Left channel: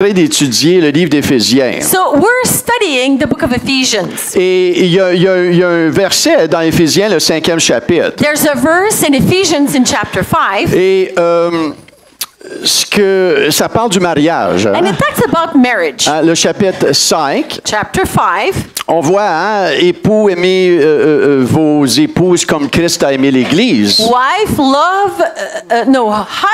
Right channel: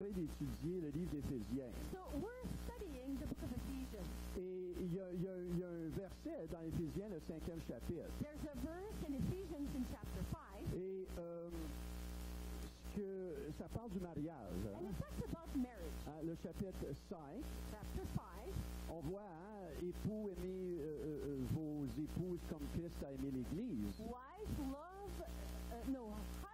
d'étudier le livre d'Éphésiens. So we're studying the book of Ephesians. Et il y a un verset dans Éphésiens, le 5e chapitre. There's a verse in Ephesians in chapter 5. Et ça parle du mariage. And it talks about marriage. Le chapitre 5. Chapter 5. On voit, époux, aimez vos épouses comme Christ a aimé l'Église.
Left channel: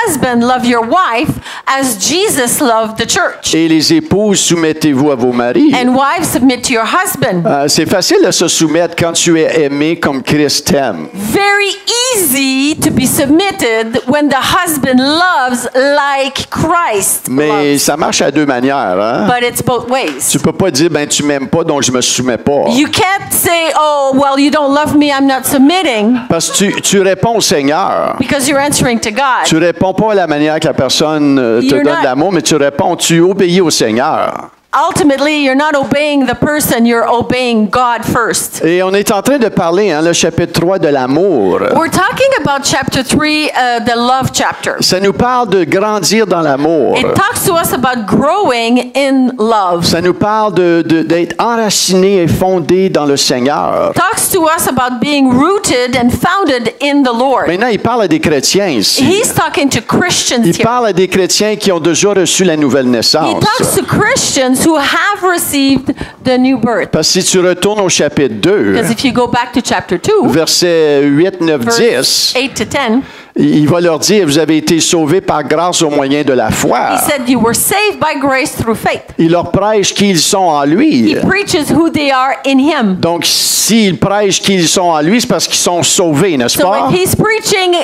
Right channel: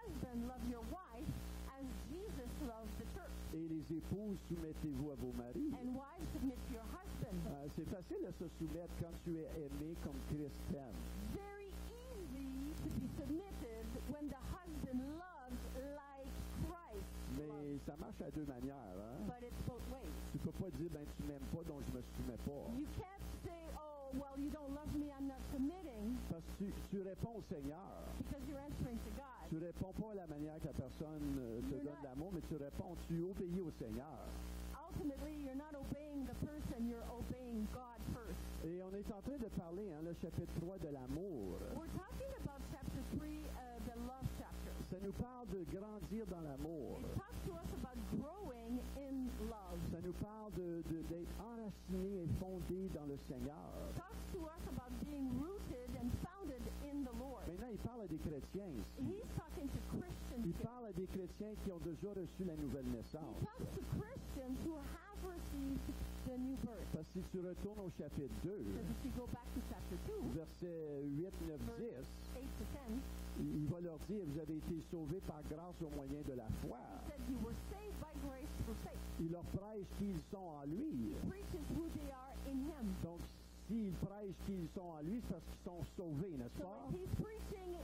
Husband, love your wife as Jesus loved the church. Et les épouses, soumettez-vous à vos maris. And wives, submit to your husband. C'est facile de se soumettre quand tu es aimé comme Christ t'aime. Very easy to be submitted when the husband loves like Christ Mais loves. ça marche à deux manières. Hein? But it's both ways. Tu peux pas dire, tu m'aimes pas, donc je me soumets pas. You can't say, oh, well, you don't love me, I'm not submitting. Parce que tu réponds au Seigneur. Because you're answering to God. Tu réponds pas à la manière que la personne te donne l'amour, mais tu obéis au Seigneur. Ultimately, you're not obeying the person, you're obeying God first. Et on est en train de parler, le chapitre 3 de l'amour. We're talking about chapter 3, the love chapter. Ça nous parle de grandir dans l'amour. It talks to us about growing in love. Ça nous parle d'être enraciné et fondé dans le Seigneur. It talks to us about being rooted and founded in the Lord. Maintenant, il parle à des chrétiens ici. He's talking to Christians il here. parle à des chrétiens qui ont déjà reçu la nouvelle naissance. He talks to Christians who have received the new birth. Parce que si tu retournes au chapitre 2, Because if you go back to chapter 2, versets 8, 9, 10, 8 to 10, il va leur dire, vous avez été sauvés par grâce au moyen de la foi. he said you were saved by grace through faith. Il leur prêche qui ils sont en lui. He preaches who they are in him. Donc, s'il prêche qui ils sont en lui, c'est parce qu'ils sont sauvés, n'est-ce So pas? if he's preaching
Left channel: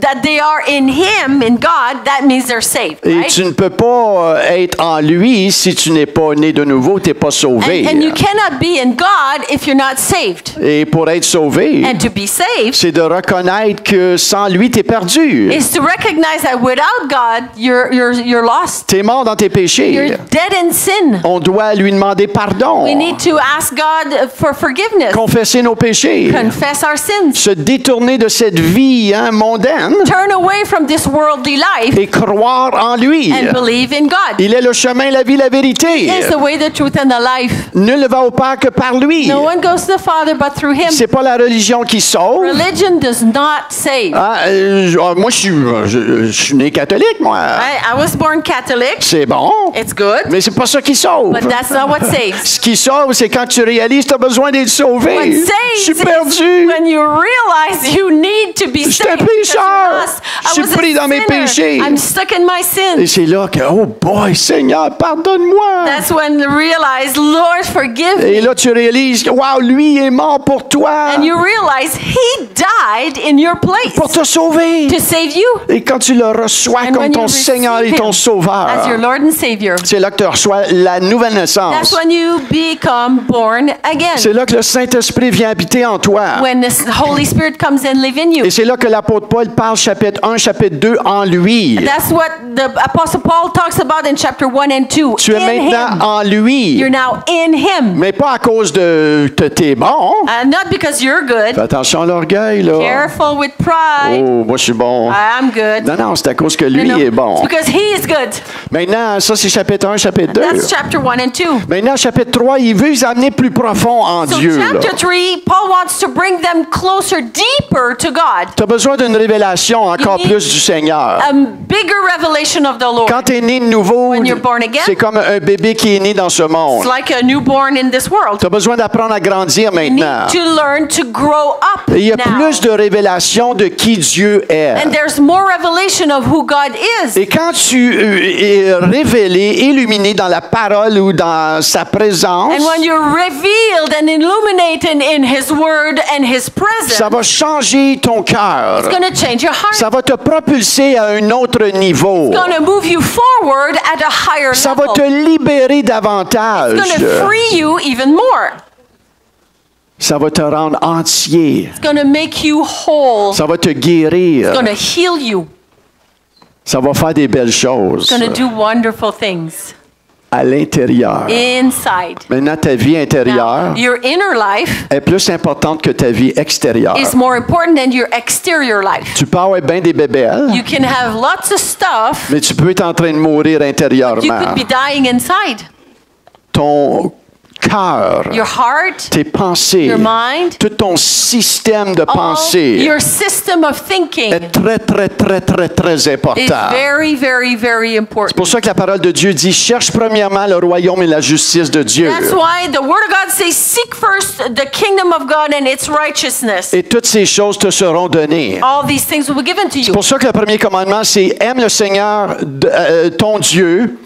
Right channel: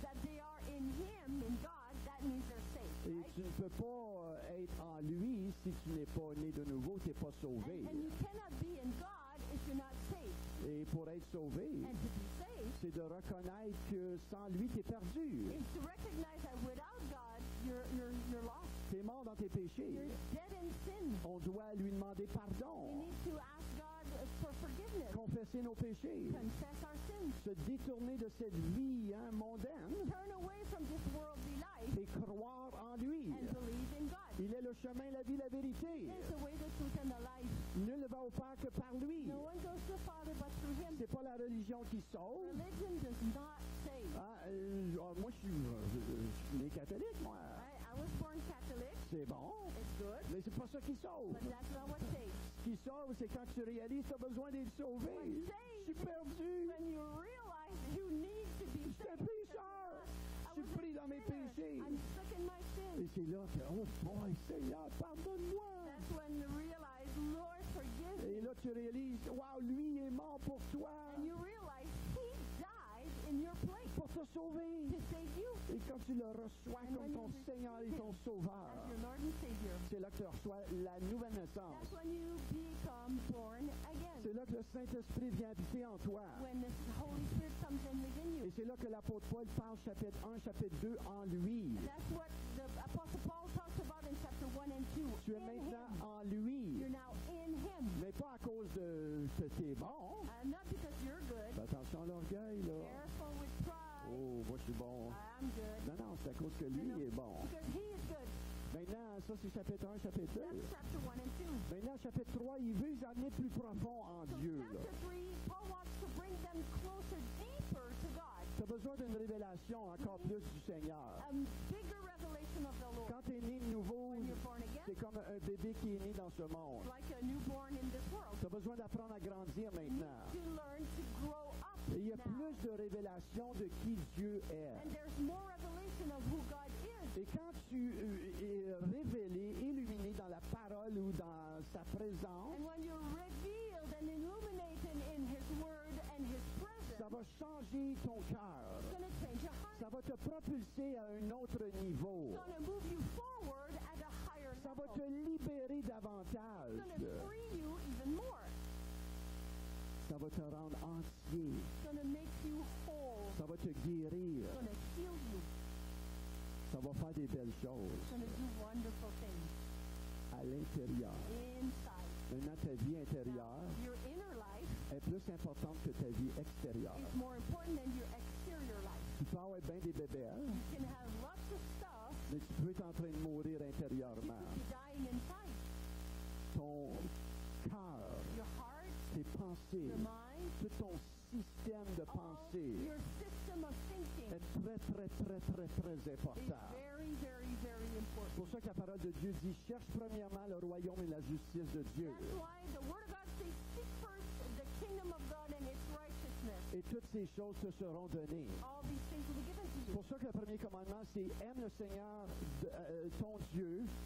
that they are in him, in God, that means they're saved, Et right? tu ne peux pas être en lui si tu n'es pas né de nouveau, tu n'es pas sauvé. And you cannot be in God if you're not saved. Et pour être sauvé, And to be saved c'est de reconnaître que sans lui, tu es perdu. is to recognize that without God, you're lost. Tu es mort dans tes péchés. You're dead in sin. On doit lui demander pardon. We need to ask God for forgiveness. Confesser nos péchés. Confess our sins. Se détourner de cette vie mondaine Turn away from this worldly life et croire en lui. and believe in God. Il est le chemin, la vie, la vérité. He is the way, the truth, and the life. Nul ne va au Père que par lui. No one goes to the Father but through him. C'est pas la religion qui sauve. Religion does not save. Moi, je suis né catholique, moi. I was born Catholic. C'est bon. It's good. Mais c'est pas ça qui sauve. But that's not what saves. Ce qui sauve, c'est quand tu réalises que tu as besoin d'être sauvé. What Je saves suis is perdu. when you realize you need to be Je suis un saved. because you're pécheur. lost. Je suis I was a pris dans mes sinner. péchés. I'm stuck in my Et sin. c'est là que, oh boy, Seigneur, pardonne-moi. That's when you realize, Lord, forgive Et me. là, tu réalises que, wow, lui est mort pour toi. And you realize He died in your place Pour te sauver. to save you Et quand tu le reçois And comme when ton you Seigneur et receive ton Him Sauveur, as your Lord and Savior. c'est là que tu reçois la nouvelle That's naissance. when you become born again. C'est là que le Saint-Esprit vient habiter en toi. When the Holy Spirit comes and live in you. Et c'est là que l'apôtre Paul parle chapitre 1, chapitre 2 en lui. That's what the Apostle Paul talks about in chapter 1 and 2. Tu es In maintenant Him. en lui. You're now in Him. Mais pas à cause de t'es bon. Not because you're good. Fais attention à l'orgueil, là. Careful with pride. Oh, moi je suis bon. I'm good. Non, non, c'est à cause que lui est bon. It's because He is good. Maintenant, ça c'est chapitre 1, chapitre 2. That's chapter 1 and 2. Maintenant, chapitre 3, il veut les amener plus profond en So Dieu. chapter 3, Paul wants to bring them closer, deeper to God. Tu as besoin d'une révélation encore You need plus du Seigneur. A bigger revelation of the Lord. Quand tu es né de nouveau, When you're born again, c'est comme un bébé qui est né dans ce monde. It's like a newborn in this world. Tu as besoin d'apprendre à grandir You need maintenant. to learn to grow up Et il y a now. plus de révélations de qui Dieu est. And there's more revelation of who God is. Et quand tu es révélé, illuminé dans la parole ou dans sa présence, And when you're revealed and illuminated in His Word and His presence, ça va changer ton cœur. it's going to change your heart. Ça va te propulser à un autre niveau. It's going to move you forward at a higher Ça va level. te libérer davantage. It's going to free you even more. Ça va te rendre entier. It's going to make you whole. Ça va te guérir. It's going to heal you. Ça va faire des belles choses. It's going to do wonderful things. à l'intérieur. inside. Maintenant, ta vie intérieure Now, your inner life est plus importante que ta vie extérieure. is more important than your exterior life. Tu peux avoir bien des bébelles, You can have lots of stuff. mais tu peux être en train de mourir You intérieurement. could be dying inside. Ton cœur, Your heart, tes pensées, your mind, tout ton système de all pensée your system of thinking est très, très, très, très, très is important. very, very, very C'est important. pour ça que la parole de Dieu dit, cherche premièrement le royaume et la justice de Dieu. That's why the Word of God says, seek first the kingdom of God and its righteousness. Et toutes ces choses te seront données. All these things will be given to C'est you. pour ça que le premier commandement, c'est aime le Seigneur, ton Dieu,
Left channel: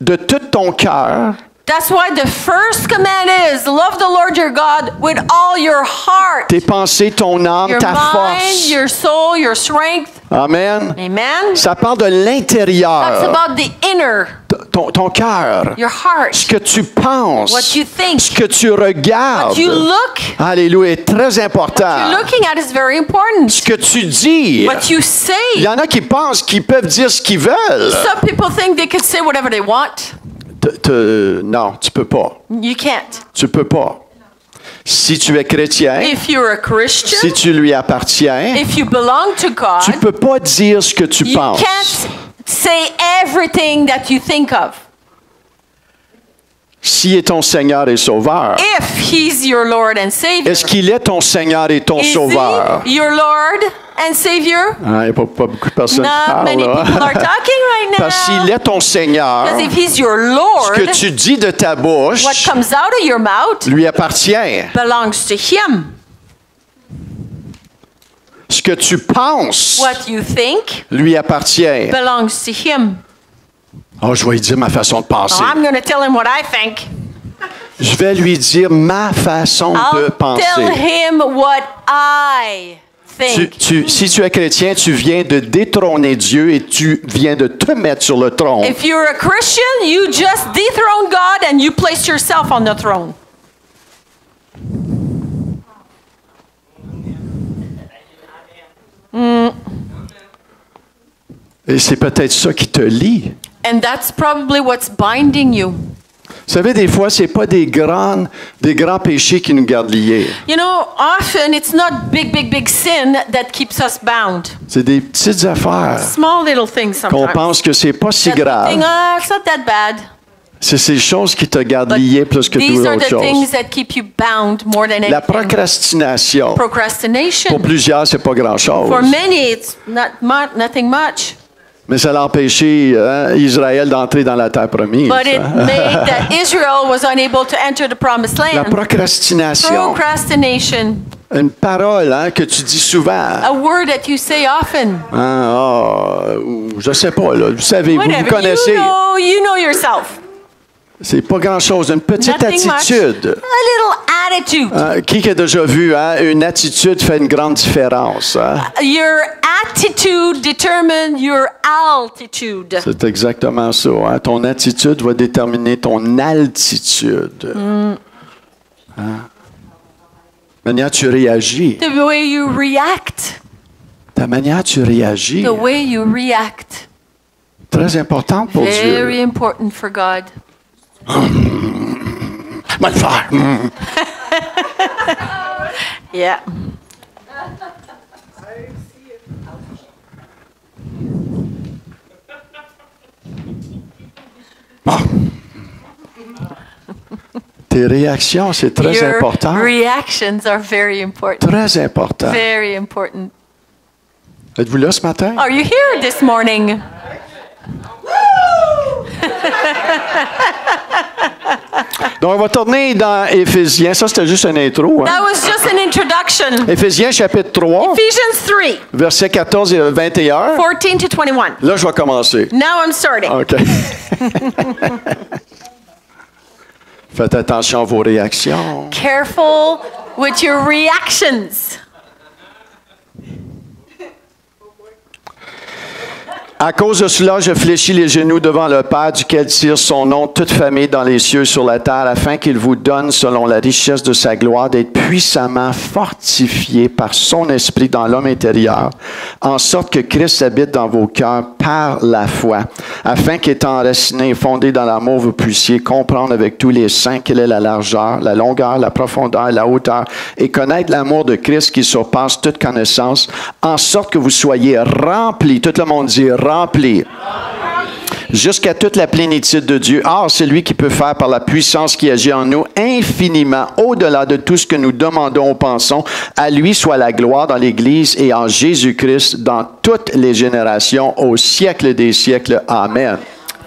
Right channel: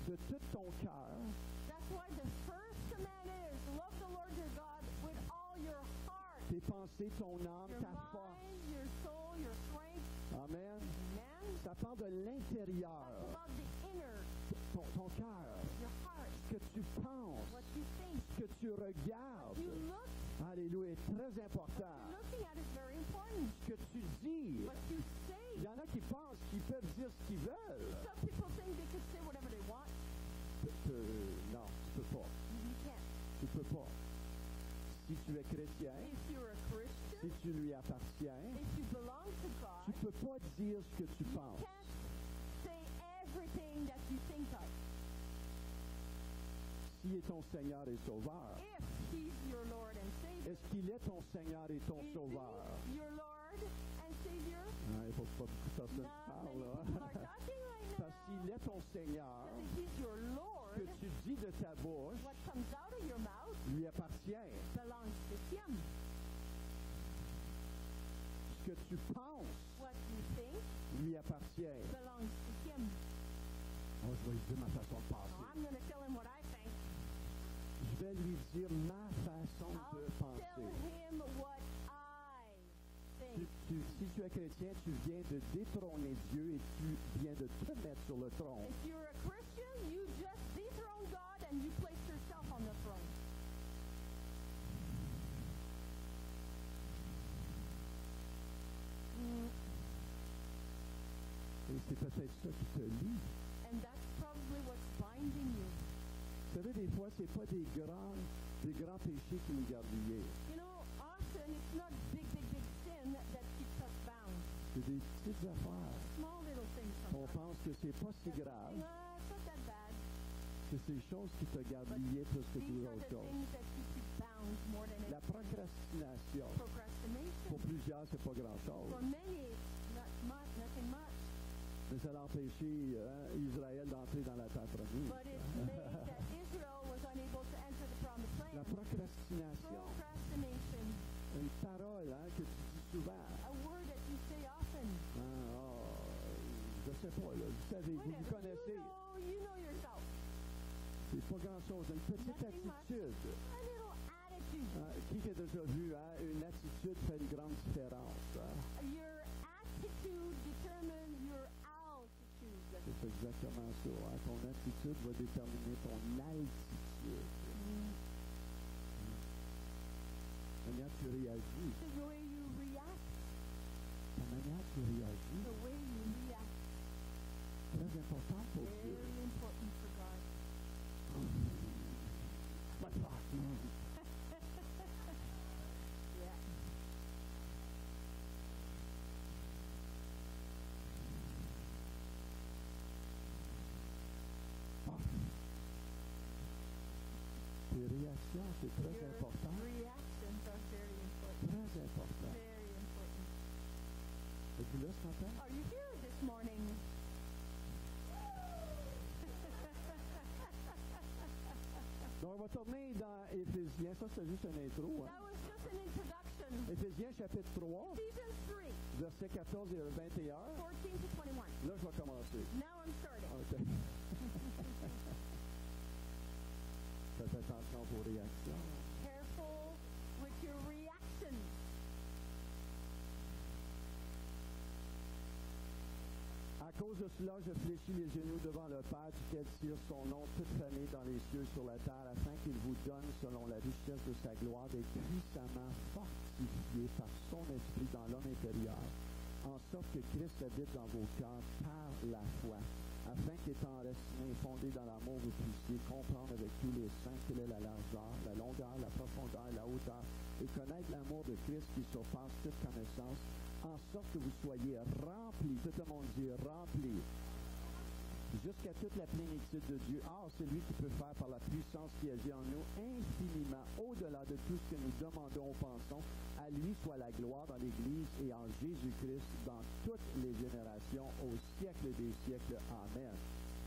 de tout ton cœur, That's why the first command is, love the Lord your God with all your heart, tes pensées, ton âme, your ta mind, force. your soul, your strength. Amen. Amen. Ça parle de That's l'intérieur, about the inner, ton cœur, your heart, ce que tu penses, what you think, ce que tu regardes. what you look. Alléluia, est très What important. you're looking at is very important. Ce que tu dis. What you Il say. y en a qui pensent qu'ils peuvent dire ce qu'ils veulent. Some people think they can say whatever they want. Non, tu peux pas. You can't. Tu peux pas. Si tu es chrétien, If you're a Christian, si tu lui appartiens, if you belong to God, tu peux pas dire ce que tu you penses. can't say everything that you think of. S'il est ton Seigneur et Sauveur, If He's your Lord and Savior, est-ce qu'il est ton Seigneur et ton is Sauveur? He your Lord and Savior? Il n'y a pas beaucoup de personnes qui Not parlent. many là. people are talking right now. Parce qu'il est ton Seigneur, Because if He's your ce Lord, que tu dis de ta what bouche comes out of your mouth lui appartient. belongs to Him. Ce que tu penses What you think lui appartient. belongs to Him. Oh, je vais lui dire ma façon de penser. Oh, I'm going to tell Him what I think. Je vais lui dire ma façon de I'll tell penser. Him what I think. Si tu es chrétien, tu viens de détrôner Dieu et tu viens de te mettre sur le trône. If you're a Christian, you just dethrone God and you place yourself on the throne. Et c'est peut-être ça qui te lie. And that's probably what's binding you. Vous savez, des fois, c'est pas des grands péchés qui nous gardent liés. You know, often it's not big sin that keeps us bound. C'est des petites affaires Small little things qu'on sometimes. pense que c'est pas si That we grave. think, it's not that bad. C'est ces choses qui te gardent But lié plus que these toute are autre the chose. things that keep you bound more than La anything. procrastination, pour Procrastination. plusieurs, c'est pas grand-chose. For many, it's nothing much. Mais ça l'a empêché Israël d'entrer dans la terre promise. But it made that Israel was unable to enter the promised La land. procrastination, Procrastination, une parole que tu dis souvent. a word that you say often. Je sais pas, là. Vous savez, vous Whatever. connaissez. You know yourself. C'est pas grand-chose. Une petite Nothing much. attitude. A little attitude. Qui a déjà vu, une attitude fait une grande différence. Your attitude determines your altitude. C'est exactement ça. Ton attitude va déterminer ton altitude. La manière tu réagis. The way you react. Ta manière tu réagis. The way you react. Très important pour Very Dieu. important for God. Va le faire. Yeah. Bon. Tes réactions, c'est très Your important. reactions are very important. Très important. Very important. Êtes-vous là ce matin? Are you here this morning? Donc, on va tourner dans Éphésiens. Ça, c'était juste une intro. That was just an introduction. Éphésiens, chapitre 3, Ephesians 3, versets 14 et 21. 14 to 21. Là, je vais commencer. Now I'm starting. OK. Faites attention à vos réactions. Careful with your reactions. À cause de cela, je fléchis les genoux devant le Père, duquel tire son nom toute famille dans les cieux sur la terre, afin qu'il vous donne, selon la richesse de sa gloire, d'être puissamment fortifié par son esprit dans l'homme intérieur, en sorte que Christ habite dans vos cœurs par la foi, afin qu'étant enraciné et fondé dans l'amour, vous puissiez comprendre avec tous les saints quelle est la largeur, la longueur, la profondeur, la hauteur, et connaître l'amour de Christ qui surpasse toute connaissance, en sorte que vous soyez remplis, tout le monde dit remplis, jusqu'à toute la plénitude de Dieu. Or, c'est lui qui peut faire par la puissance qui agit en nous infiniment au-delà de tout ce que nous demandons ou pensons. À lui soit la gloire dans l'Église et en Jésus-Christ dans toutes les générations, au siècle des siècles. Amen.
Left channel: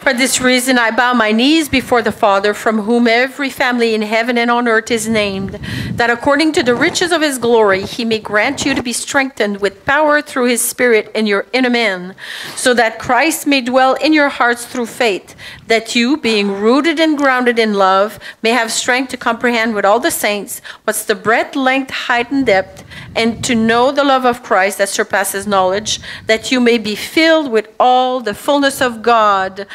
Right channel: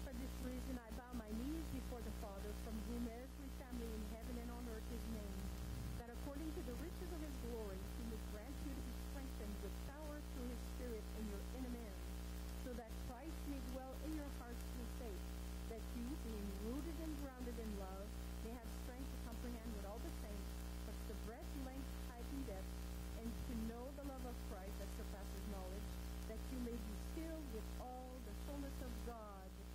For this reason, I bow my knees before the Father, from whom every family in heaven and on earth is named, that according to the riches of his glory, he may grant you to be strengthened with power through his Spirit in your inner man, so that Christ may dwell in your hearts through faith, that you, being rooted and grounded in love, may have strength to comprehend with all the saints what's the breadth, length, height, and depth, and to know the love of Christ that surpasses knowledge, that you may be filled with all the fullness of God,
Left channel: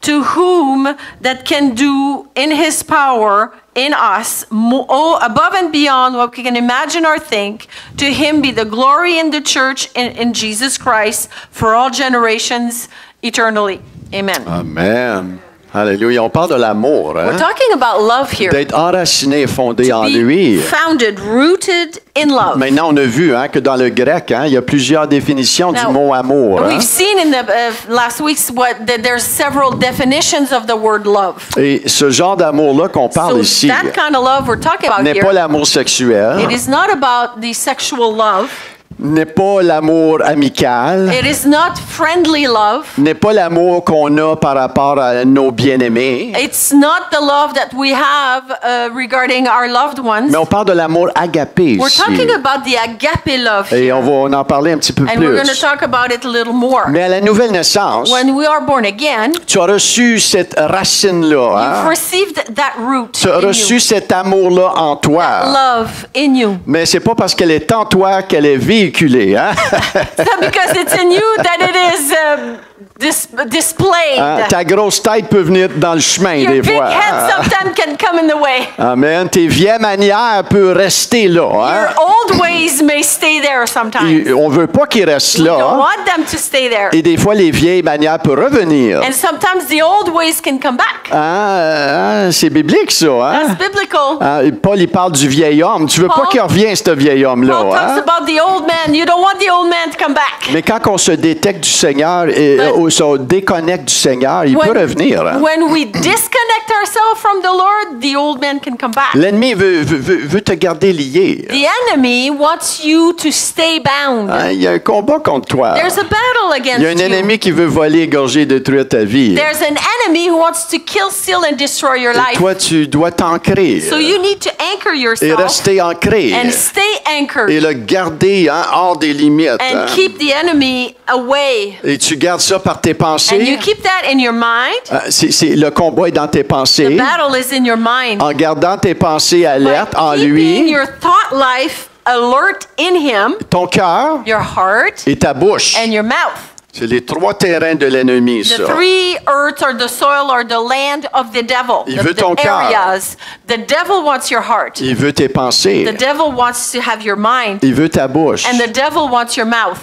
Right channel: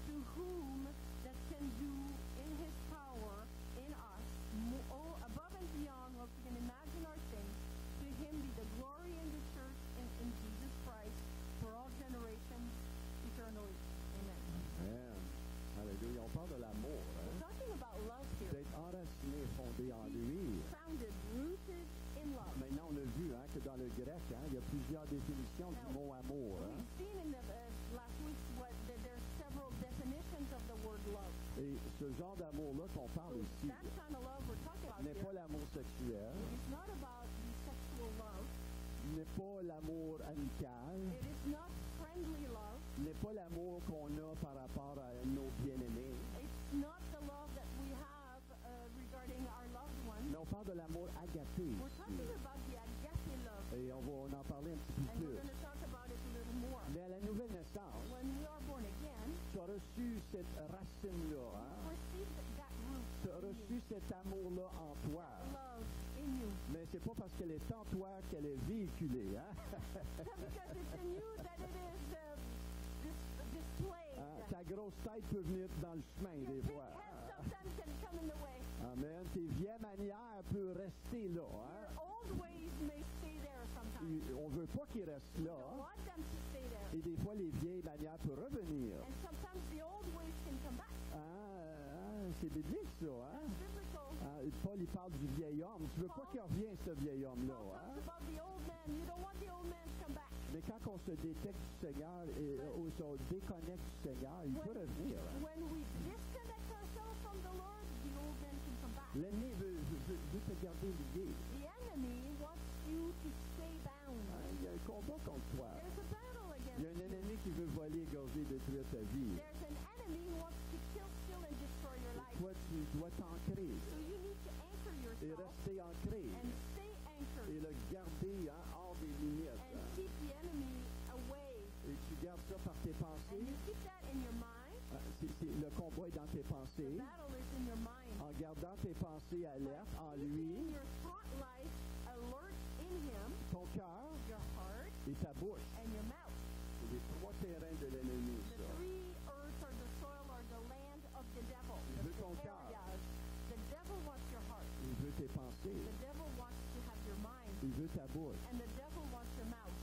to whom that can do in his power in us above and beyond what we can imagine or think. To him be the glory in the church in Jesus Christ for all generations eternally. Amen. Amen. Alléluia. On parle de l'amour, hein? We're talking about love here. D'être enraciné et fondé en Be lui. founded, rooted in love. Maintenant, on a vu que dans le grec, il y a plusieurs définitions du Now, mot amour. We've seen in the last weeks that there's several definitions of the word love. Et ce genre d'amour-là qu'on parle So ici that kind of love we're talking about n'est pas here, l'amour sexuel, it is not about the sexual love. n'est pas l'amour amical, It is not friendly love. n'est pas l'amour qu'on a par rapport à nos bien-aimés, It's not the love that we have regarding our loved ones. mais on parle de l'amour agapé We're ici. talking about the agape love Et here. on va en parler un petit peu And we're going to plus. talk about it a little more. Mais à la nouvelle naissance, When we are born again, tu as reçu cette racine-là. you've received that root Tu as in reçu you, cet amour-là en toi. love in you. Mais c'est pas parce qu'elle est en toi qu'elle est véhiculée. Hein? It's not because it's in you that it is displayed. Hein? Ta grosse tête peut venir dans le chemin Your des big fois. head Hein? sometimes can come in the way. Amen. Tes vieilles manières peuvent rester là. Hein? Your old ways may stay there sometimes. On veut pas qu'ils restent We là. don't Hein? want them to stay there. Et des fois, les vieilles manières peuvent revenir. And sometimes the old ways can come back. C'est biblique, ça. Hein? That's biblical. Paul, il parle du vieil homme. Tu veux pas Paul- qu'il revienne, ce vieil homme-là. Paul talks Hein? about the old man. You don't want the old man to come back. Mais quand on se détecte du Seigneur ou se déconnecte du Seigneur, il peut revenir. Hein? When we disconnect ourselves from the Lord, the old man can come back. L'ennemi veut te garder lié. The enemy wants you to stay bound. Hein, il y a un combat contre toi. There's a battle against Il y a un you. ennemi qui veut voler, égorger, détruire ta vie. There's an enemy who wants to kill, steal, and destroy your Et life. toi, tu dois t'ancrer So you need to anchor et yourself rester ancré and stay anchored et le garder hors des limites. and Hein. keep the enemy away. Et tu gardes ça par tes And you pensées. keep that in your mind. Le combat est dans tes The pensées. battle is in your mind. En gardant tes pensées alertes en By keeping lui, your thought life alert in him, ton cœur your heart, et ta bouche. and your mouth. C'est les trois terrains de l'ennemi, The ça. three earths or the soil or the land of the devil. Il veut ton The cœur. areas. The devil wants your heart. Il veut tes pensées. The devil wants to have your mind. Il veut ta bouche. And the devil wants your mouth.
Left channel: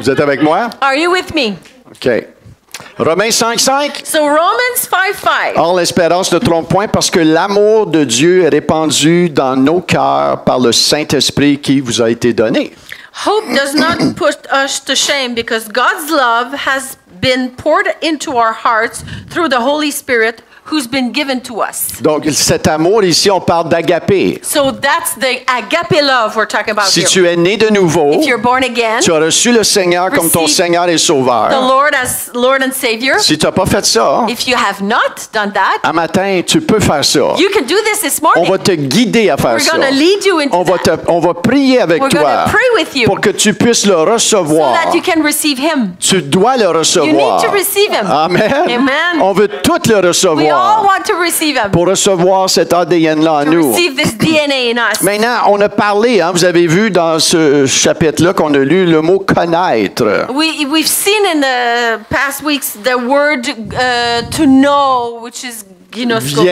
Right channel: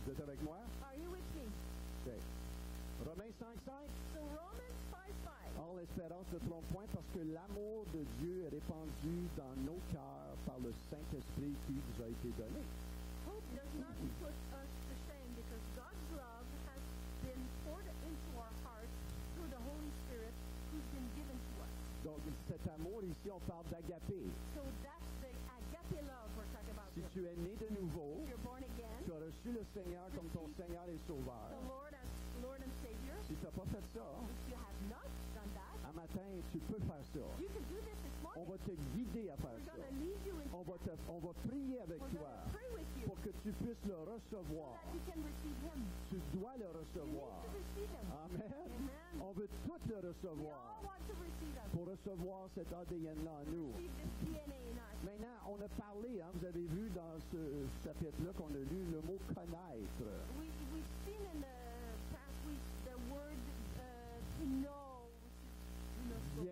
Vous êtes avec moi? Are you with me? OK. Romains 5:5. So Romans 5:5. Or, l'espérance ne trompe point parce que l'amour de Dieu est répandu dans nos cœurs par le Saint-Esprit qui vous a été donné. Hope does not put us to shame because God's love has been poured into our hearts through the Holy Spirit who's been given to us. Donc, cet amour ici, on parle d'agapé. So that's the agape love we're talking about Si here. tu es né de nouveau, If you're born again, tu as reçu le Seigneur comme ton Receive Seigneur et the Sauveur. Lord as Lord and Savior. Si tu n'as pas fait ça, If you have not done that, un matin, tu peux faire ça. you can do this On morning. va te guider à faire We're ça. going to lead you into that On va prier avec We're toi gonna pray with you pour que tu puisses le so recevoir. that you can receive Him. Tu dois le You recevoir. need to receive Him. Amen. Amen. On veut tout le We recevoir. recevoir. want to receive him. Pour recevoir cet ADN-là en To nous. receive this DNA in us. Maintenant, on a parlé, hein, vous avez vu dans ce chapitre-là qu'on a lu le mot connaître. We've seen in the past weeks the word to know, which is ginosko.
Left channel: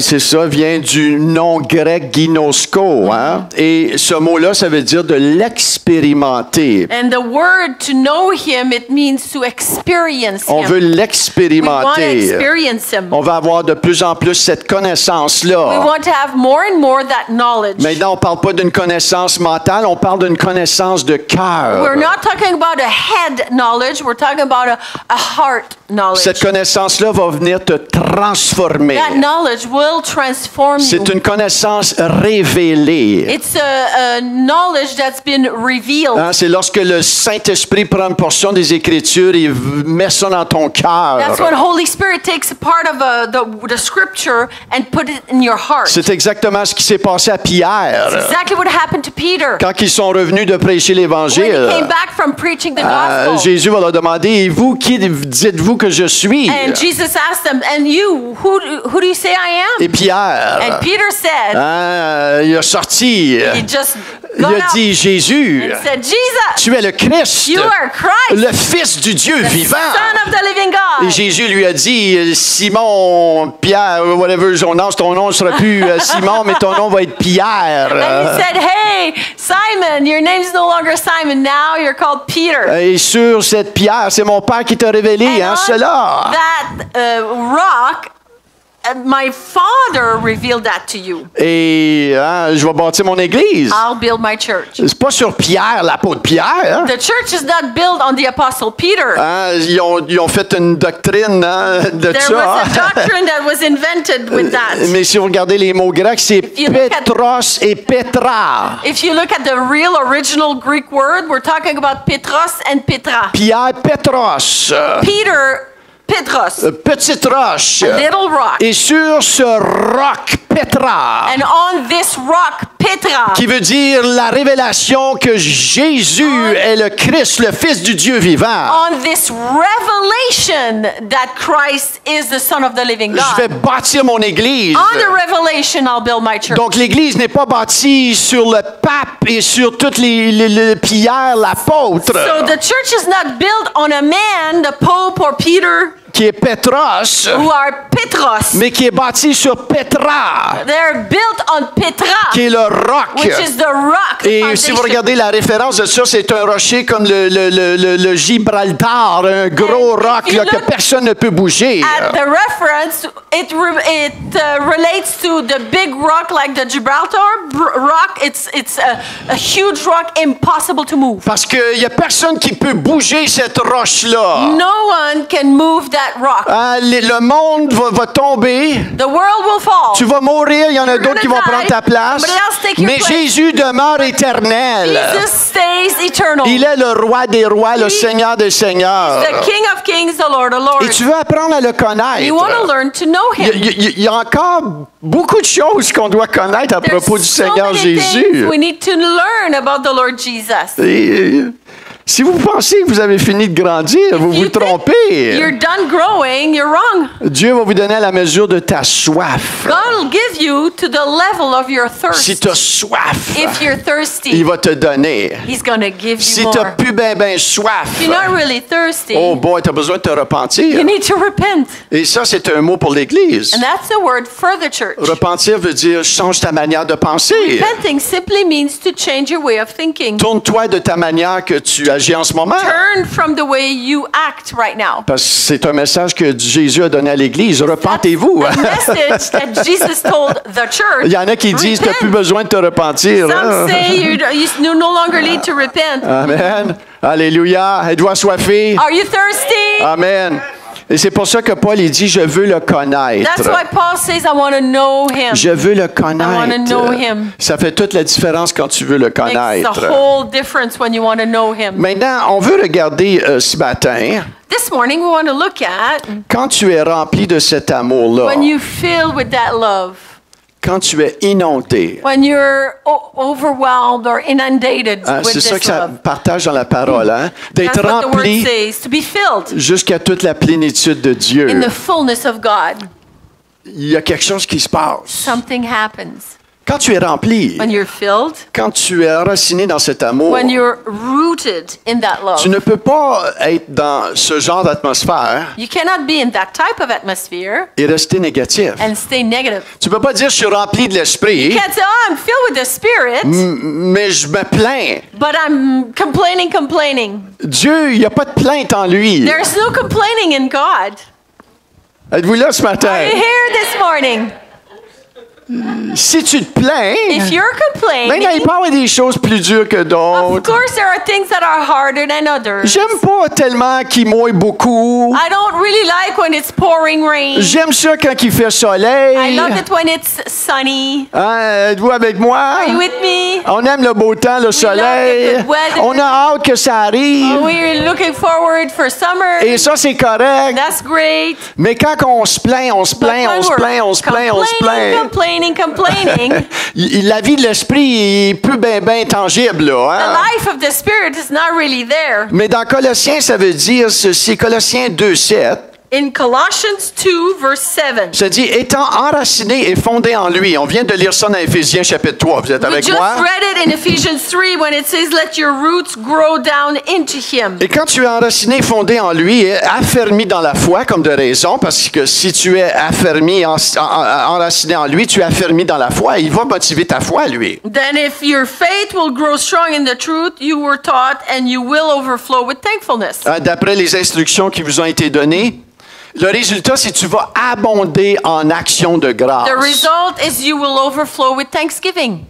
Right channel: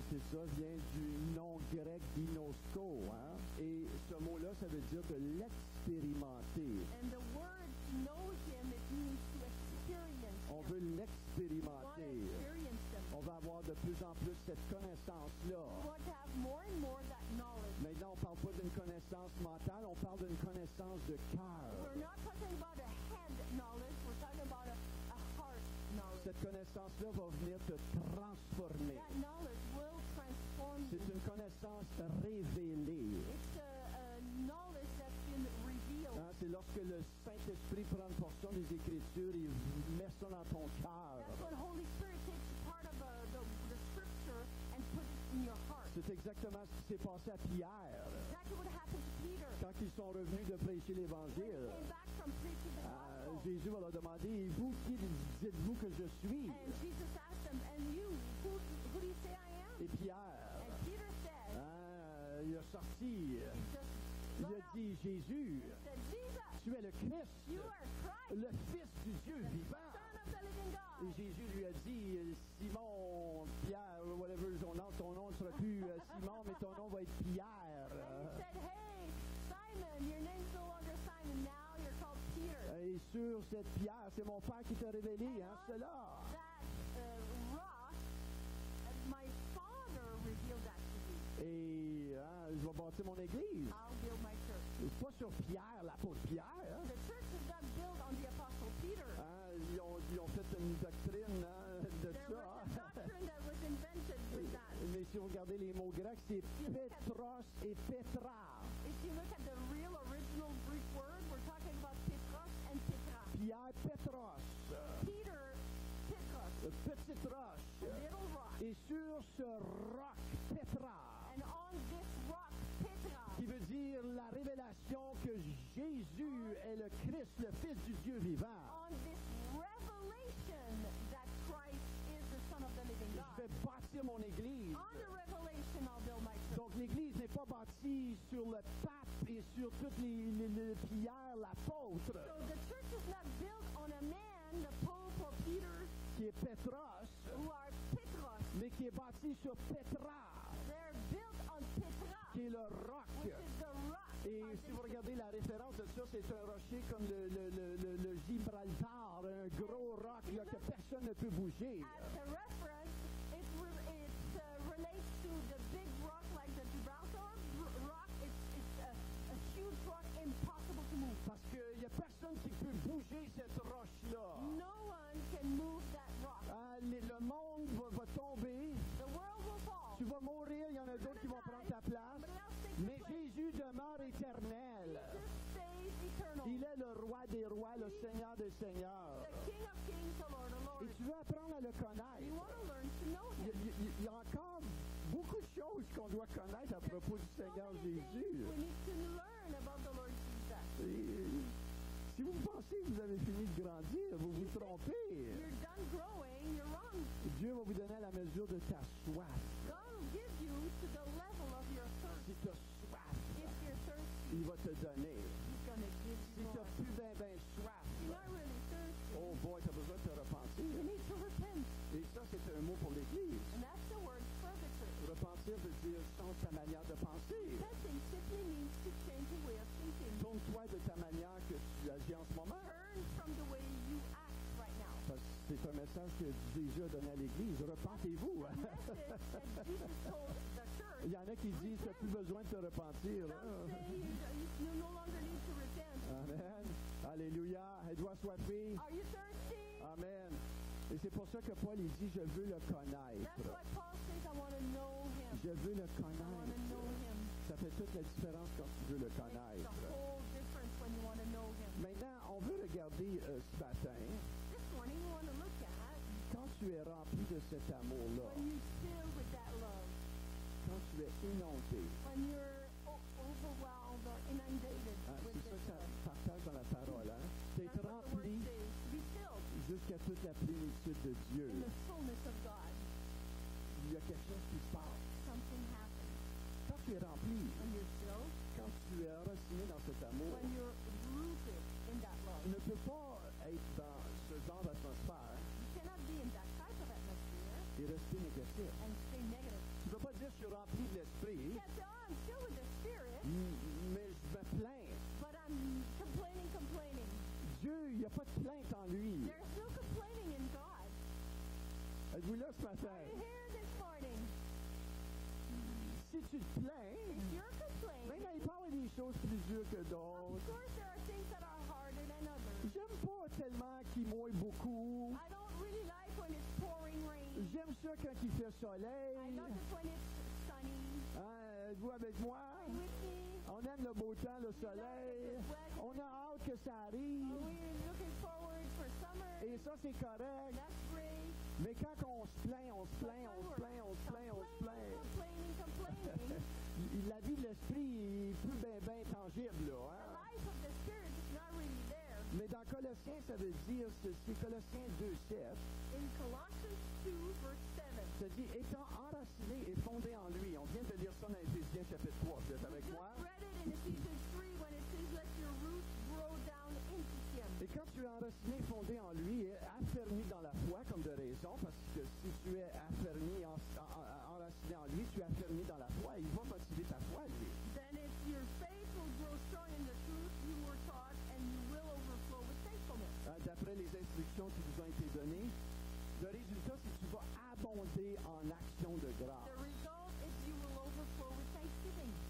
C'est ça, vient du nom grec ginosko. Hein? Et ce mot-là, ça veut dire de l'expérimenter. And the word to know him, it means to experience On him. veut We want to l'expérimenter. experience him. On va avoir de plus en plus cette We connaissance-là. want to have more and more that knowledge. Maintenant, on ne parle pas d'une connaissance mentale, on parle d'une connaissance de cœur. We're not talking about a head knowledge, we're talking about a heart knowledge. Cette connaissance-là va venir te transformer. That knowledge will transform you. C'est une connaissance révélée. It's a knowledge that's been revealed. Hein, c'est lorsque le Saint-Esprit prend une portion des Écritures et met ça dans ton cœur. That's when Holy Spirit takes a part of the scripture and put it in your heart. C'est exactement ce qui s'est passé à Pierre. Exactly what happened to Peter. Quand ils sont revenus de prêcher When l'Évangile, he came back from preaching the gospel. Jésus va leur demander, et vous, qui dites-vous que je suis? And Jesus asked them, and you, who do you say I am? Et Pierre, And Peter said, il a sorti, he just il got a up dit, Jésus, and said, Jesus, tu es le Christ, you are Christ, le Fils du Dieu the vivant. Son of the living God. Et Jésus lui a dit, Simon, Pierre, whatever son nom ne sera plus Simon, mais ton nom va être Pierre. And he said, hey, Simon, your name's no longer Simon, now you're called Peter. Et sur cette pierre, c'est mon Père qui t'a révélé, And on cela. that rock, my Father revealed that to you. Et je vais bâtir mon église. I'll build my church. C'est pas sur Pierre, l'apôtre Pierre. The church is not built on the Apostle Peter. Ils ont fait une doctrine de There ça. was a doctrine that was invented with that. Mais si vous regardez les mots grecs, c'est you look at- Pétros et Pétra. If you look at the real original Greek word, we're talking about Petros and Petra. Pierre, Pétros. Peter, Petros, Petite roche. a little rock. Et sur ce roc, Pétra, And on this rock, Petra, qui veut dire la révélation que Jésus est le Christ, le Fils du Dieu vivant. on this revelation that Christ is the Son of the living Je vais God. bâtir mon église. On the revelation, I'll build my church. Donc l'église n'est pas bâtie sur le pape et sur toutes les pierres, l'apôtre, So the church is not built on a man, the Pope or Peter, qui est Pétros, who are Petros. mais qui est bâtie sur Pétra, They're built on Petra, qui est le roc. which is the rock. Et foundation. si vous regardez la référence de ça, c'est un rocher comme le Gibraltar, un gros roc if you là, que look personne ne peut bouger. At the reference, it relates to the big rock like the Gibraltar rock. It's a huge rock, impossible to move. Parce qu'il n'y a personne qui peut bouger cette roche-là. No one can move that rock. Le monde va tomber. The world will fall. Tu vas mourir, il y en a You're d'autres qui vont gonna prendre die. ta place. Somebody else take your Mais place. Jésus demeure éternel. Jesus stays eternal. Il est le roi des rois, le Seigneur des seigneurs. The King of Kings, the Lord of Lords. Et tu veux apprendre à le connaître. You want to learn to know Him. Il y a encore beaucoup de choses qu'on doit connaître à propos du There's so Seigneur many Jésus. things we need to learn about the Lord Jesus. Et, si vous pensez que vous avez fini de grandir, vous vous You think trompez. You're done growing, you're wrong. Dieu va vous donner à la mesure de ta soif. God will give you to the level of your thirst. Si tu as soif, If you're il thirsty, va te donner. He's going to give Si you tu n'as more. plus ben soif, If you're not really thirsty, oh boy, tu as besoin de te repentir. you need to repent. Et ça, c'est un mot pour l'Église. And that's the word for the church. Repentir veut dire change ta manière de penser. Repenting simply means to change your way of thinking. Tourne-toi de ta manière que tu agis en ce moment. Turn from the way you act right now. Parce que c'est un message que Jésus a donné à l'Église. Repentez-vous. A message that Jesus told the church. Il y en a qui disent que tu n'as plus Repent. besoin de te repentir. Some say you no longer need to repent. Amen. Alléluia. Êtes-vous assoiffé? Are you thirsty? Amen. Et c'est pour ça que Paul il dit, je veux le connaître. That's why Paul says, I want to know Him. Je veux le I want to know connaître. Him. Ça fait toute la différence quand tu veux le Makes the connaître. whole difference when you want to know Him. Maintenant, on veut regarder ce matin, This morning, we want to look at quand tu es rempli de cet amour-là, when you fill with that love, quand tu es inondé. when you're overwhelmed or inundated Hein, with c'est ça this que ça love. partage dans la parole, hein? D'être That's what the word rempli says, to be filled jusqu'à toute la plénitude de Dieu. in the fullness of God. il y a quelque chose qui se passe. Something happens. Quand tu es rempli, When you're filled, quand tu es enraciné dans cet amour, when you're rooted in that love, tu ne peux pas être dans ce genre d'atmosphère you cannot be in that type of atmosphere et rester négatif. and stay negative. Tu ne peux pas dire je suis rempli de l'esprit, You can't say, oh, I'm filled with the Spirit, mais je me plains. but I'm complaining. Dieu, il n'y a pas de plainte en lui. There's no complaining in God. Êtes-vous là ce matin? Are you here this morning? Si tu te plains, If you're il complaining, peut y avoir des choses plus dures que of d'autres. course there are things that are harder than others. J'aime pas tellement qu'il mouille beaucoup. I don't really like when it's pouring rain. J'aime ça quand il fait I soleil. love it when it's sunny. Hein, êtes-vous avec moi? Are you with me? On aime le beau temps, le soleil. the good weather. On a hâte que ça arrive. We're looking forward for summer. Et ça, c'est correct. That's great. Mais quand on se plaint, on se But plaint, when on se we're plaint, on se plaint, on se plaint. complaining, La vie de l'esprit est plus ben tangible, the là. Hein? life of the Spirit is not really there. Mais dans Colossiens, ça veut dire ceci, Colossiens 2:7. In Colossians 2, verse 7, Ça dit, étant enraciné et fondé en lui. On vient de lire ça dans Éphésiens chapitre 3. Vous êtes we avec just moi? read it in Ephesians 3 when it says, let your roots grow down into Him. Et quand tu es enraciné et fondé en lui, et affermi dans la foi, comme de raison, parce que si tu es affermi, enraciné en lui, tu es affermi dans la foi, il va motiver ta foi, lui. Then if your faith will grow strong in the truth you were taught, and you will overflow with thankfulness. D'après les instructions qui vous ont été données, le résultat, c'est que tu vas abonder en action de grâce. The result is you will overflow with thanksgiving.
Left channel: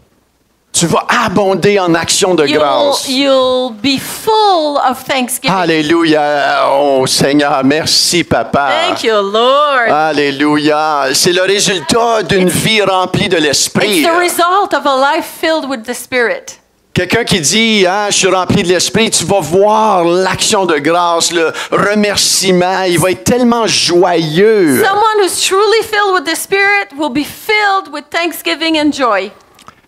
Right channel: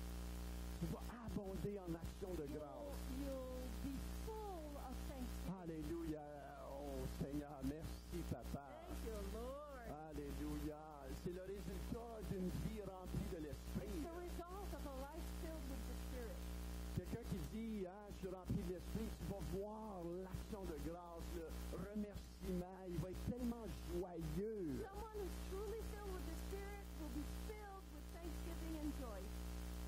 Tu vas abonder en action de grâce. You'll be full of thanksgiving. Alléluia. Oh Seigneur, merci Papa. Thank you, Lord. Alléluia. C'est le résultat d'une vie remplie de l'Esprit. It's the result of a life filled with the Spirit. Quelqu'un qui dit, hein, je suis rempli de l'Esprit, tu vas voir l'action de grâce, le remerciement, il va être tellement joyeux. Someone who's truly filled with the Spirit will be filled with thanksgiving and joy.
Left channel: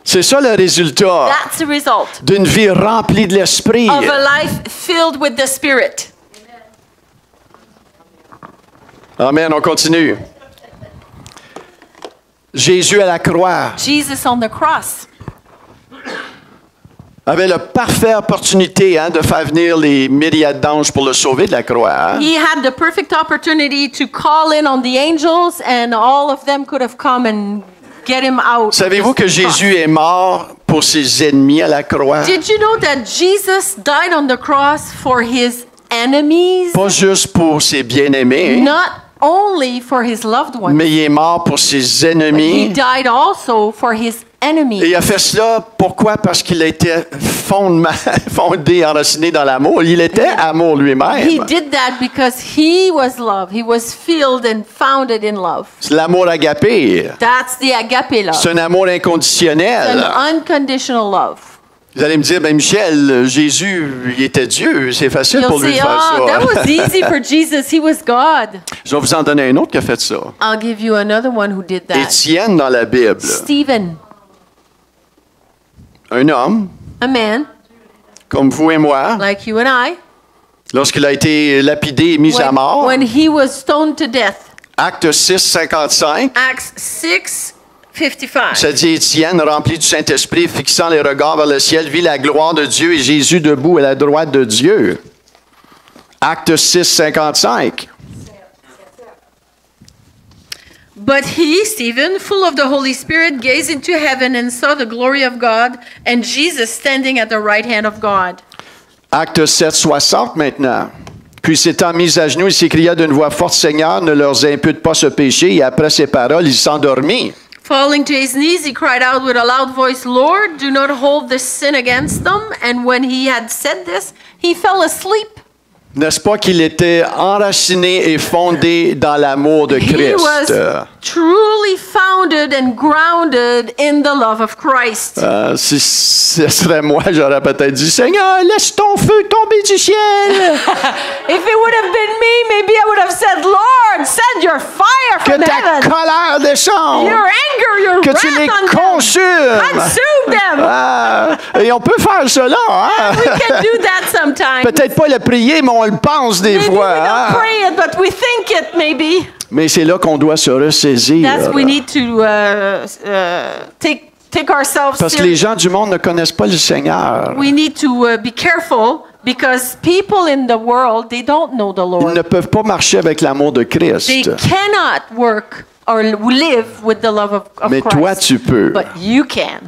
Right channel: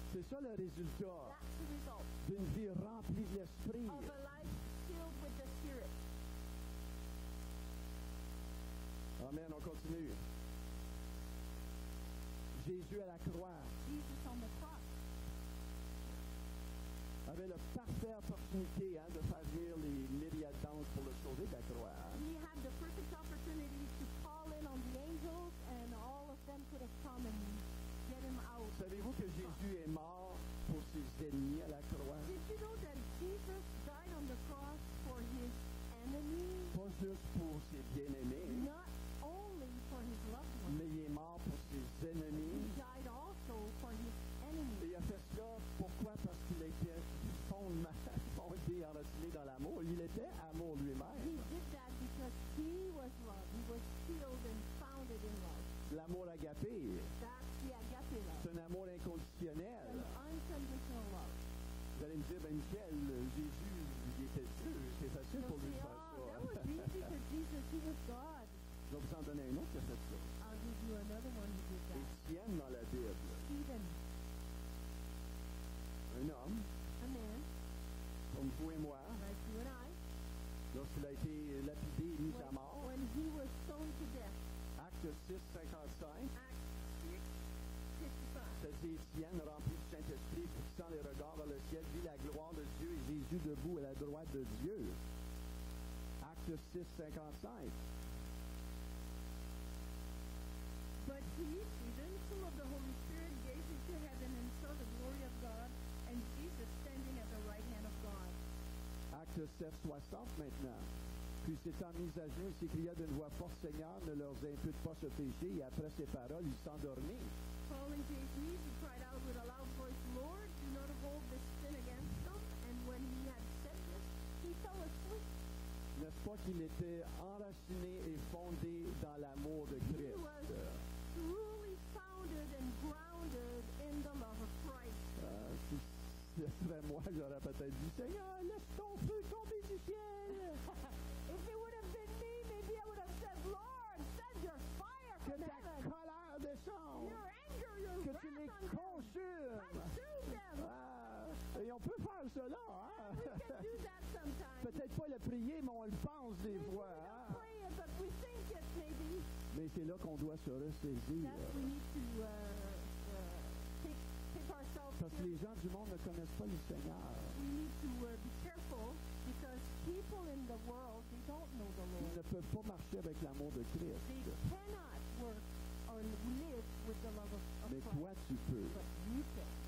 C'est ça le résultat That's the result d'une vie remplie de l'Esprit. of a life filled with the Spirit. Amen, on continue. Jésus à la croix Jesus on the cross avait la parfaite opportunité de faire venir les myriades d'anges pour le sauver de la croix. Hein? He had the perfect opportunity to call in on the angels, and all of them could have come and get him out. Savez-vous que Jésus est mort pour ses ennemis à la croix? Did you know that Jesus died on the cross for his enemies? Pas juste pour ses bien-aimés, Not only for his loved ones. mais il est mort pour ses He ennemis. died also for his Et enemies. il a fait cela, pourquoi? Parce qu'il était fondé, enraciné dans l'amour. Il était amour He lui-même. did that because he was love. He was filled and founded in love. C'est l'amour agapé. That's the agape love. C'est un amour inconditionnel. An unconditional love. Vous allez me dire, ben Michel, Jésus, il était Dieu. C'est facile You'll pour lui de say, faire oh, that ça. was easy for Jesus. He was God. Je vais vous en donner un autre qui a fait ça. I'll give you another one who did that. Étienne dans la Bible. Stephen, Un homme, a man comme vous et moi, like you and I, lorsqu'il a été lapidé et mis à mort, when he was stoned to death. Acte 6, 55, Acts 6:55. ça dit Étienne, rempli du Saint-Esprit, fixant les regards vers le ciel, vit la gloire de Dieu et Jésus debout à la droite de Dieu. Acte 6, 55. But he, Stephen, full of the Holy Spirit, gazed into heaven and saw the glory of God and Jesus standing at the right hand of God. Acte 7, 60 maintenant. Puis s'étant mis à genoux, il s'écria d'une voix forte, Seigneur, ne leur impute pas ce péché. Et après ces paroles, il s'endormit. Falling to his knees, he cried out with a loud voice, Lord, do not hold this sin against them. And when he had said this, he fell asleep. N'est-ce pas qu'il était enraciné et fondé dans l'amour de He was Christ? truly founded and grounded in the love of Christ. Si ce serait moi, j'aurais peut-être dit, Seigneur, laisse ton feu tomber du ciel. If it would have been me, maybe I would have said, Lord, send your fire que from ta heaven. colère descende, Your anger, your que wrath tu les on them. consumes. Consume them. Ah, et on peut faire cela. Hein? We can do that sometimes. Peut-être pas le prier, mais on le pense des Maybe we fois. don't Hein? pray it, but we think it maybe. Mais c'est là qu'on doit se ressaisir. That's we need to take ourselves Parce que les seriously. gens du monde ne connaissent pas le Seigneur. We need to be careful because people in the world, they don't know the Ils Lord. ne peuvent pas marcher avec l'amour de Christ. They cannot work or live with the love of Mais Christ. toi, tu peux. But you can.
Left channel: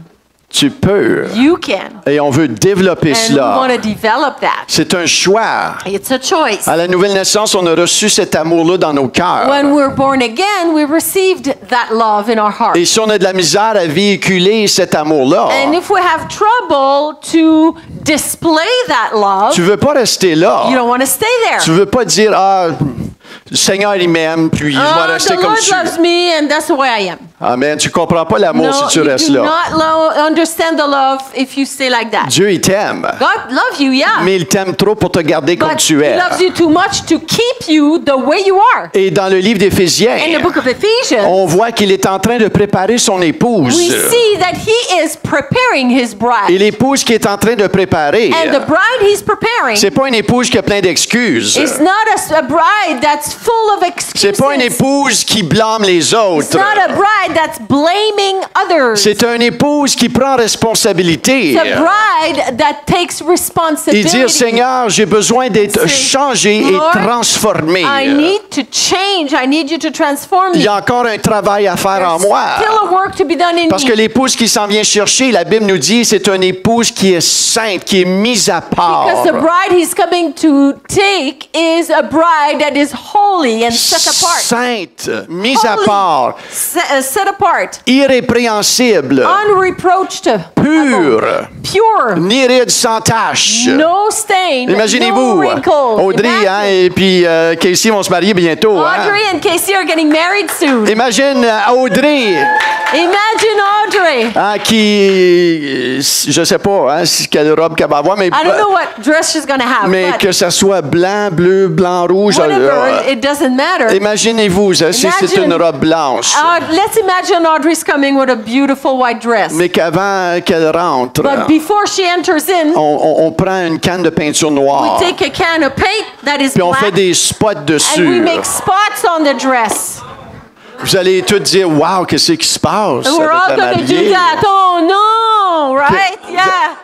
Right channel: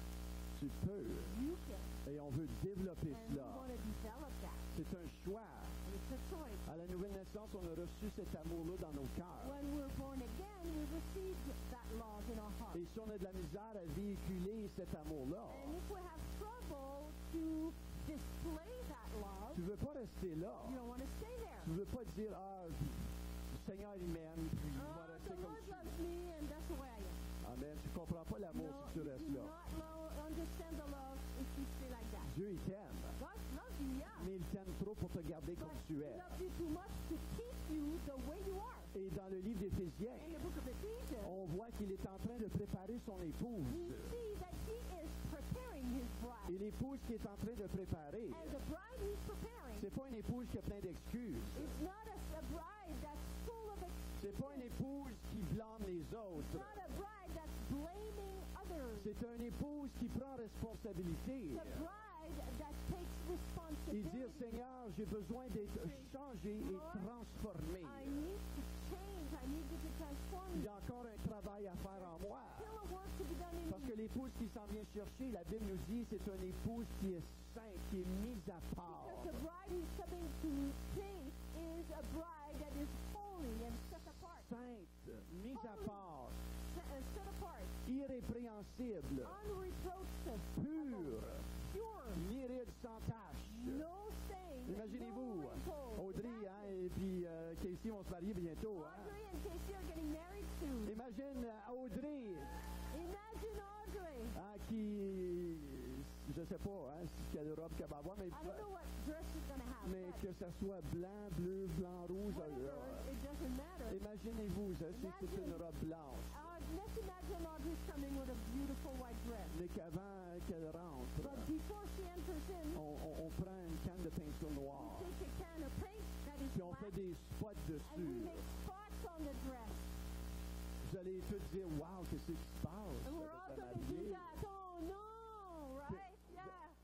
Tu peux. You can. Et on veut développer And we want cela. to develop that. C'est un choix. It's a choice. À la nouvelle naissance, on a reçu cet amour-là dans nos cœurs. When we're born again, we received that love in our heart. Et si on a de la misère à véhiculer cet amour-là, And if we have trouble to display that love, tu veux pas rester là. you don't want to stay there. Tu veux pas dire, ah, le Seigneur, il m'aime, puis je vais rester The comme Lord je loves suis. me, and that's the way I am. Amen. Tu comprends pas l'amour No, si tu you restes do là. not understand the love if you stay like that. Dieu, il t'aime. God loves you, yeah. Mais il t'aime trop pour te garder comme But tu He es. loves you too much to keep you the way you are. Et dans le livre d'Éphésiens, In the book of Ephesians, on voit qu'il est en train de préparer son épouse. we see that He is preparing His Et bride. l'épouse qui est en train de préparer, And the bride He's preparing c'est pas une épouse qui a plein d'excuses. is not a bride that's full of excuses. C'est pas une épouse qui blâme les It's autres. not a bride that's blaming others. C'est une épouse qui prend responsabilité. It's a bride that takes Et responsibility. dire, Seigneur, j'ai besoin d'être changé et Lord, transformé. I need to change. I need you to transform Il me. y a encore un travail à faire en There's moi. still a work to be done in Parce que me. l'épouse qui s'en vient chercher, la Bible nous dit, c'est une épouse qui est sainte, qui est mise à part. Because the bride he's coming to take is a bride that is holy and set apart. Sainte, mise à Holy, part, set apart, irrépréhensible, unreproached, pure, pure, ni ride sans tache. no stain, Imaginez-vous, no wrinkle. Audrey hein, et puis Casey vont se marier bientôt. Hein? Audrey and Casey are getting married soon. Imagine Audrey Imagine Audrey. hein, qui, je sais pas hein, quelle robe qu'elle va avoir, mais, I don't know what dress she's going to have, mais but que ça soit blanc, bleu, blanc, rouge. whatever, it doesn't matter. Imaginez-vous, ça, si c'est Imagine- une robe blanche, Let's imagine Audrey's coming with a beautiful white dress. mais qu'avant qu'elle rentre, But before she enters in, on prend une canne de peinture we noire, take a can of paint that is puis on fait black des spots and we dessus. make spots on the dress. Vous allez tous dire, wow, qu'est-ce qui se passe And we're all avec la going to do mariée? that. Oh no, right? Yeah.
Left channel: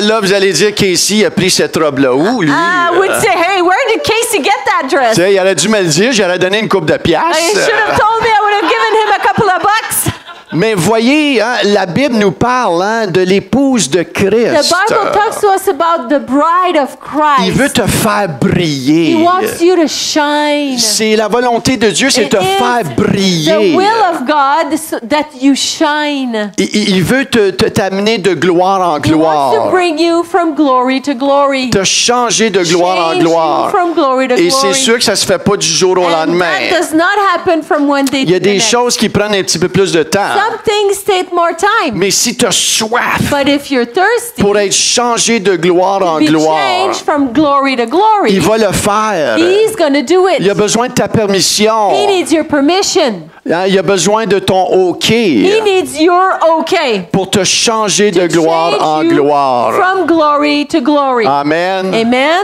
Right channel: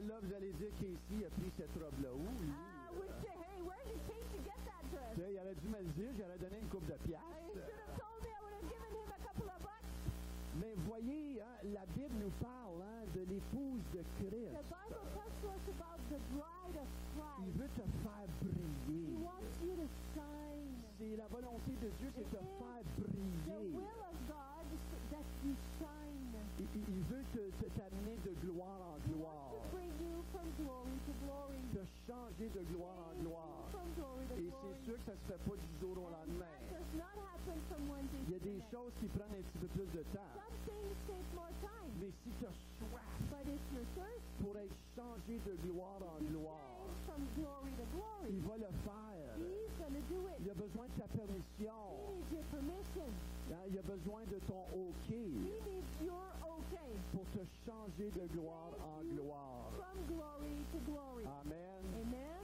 Là, vous allez dire, Casey a pris cette robe-là où, lui? We'd say, hey, where did Casey get that dress? Tu sais, il aurait dû me le dire, j'aurais donné une coupe de You piastres. should have told me. I would have given him a couple of bucks. Mais voyez, hein, la Bible nous parle hein, de l'épouse de The Christ. Bible talks to us about the bride of Il veut Christ. te faire briller. He wants you to shine. C'est la volonté de Dieu, c'est It te is faire the briller. will of God so that you shine. Il veut t'amener de gloire en He wants to gloire, bring you from glory to glory. te changer de gloire en Change you gloire. from glory to Et c'est glory. sûr que ça se fait pas du jour au And lendemain. that does not happen from one day Il y a to the des next. choses qui prennent un petit peu plus de temps. Some things take more time. Mais si tu as soif But if you're thirsty, pour être changé de gloire en be gloire, changed from glory to glory. il va le faire. He's going to do Il a it. besoin de ta permission. He needs your permission. Hein, il a besoin de ton OK He needs your okay. pour te changer de To gloire change en you gloire. From glory to glory. Amen. Amen.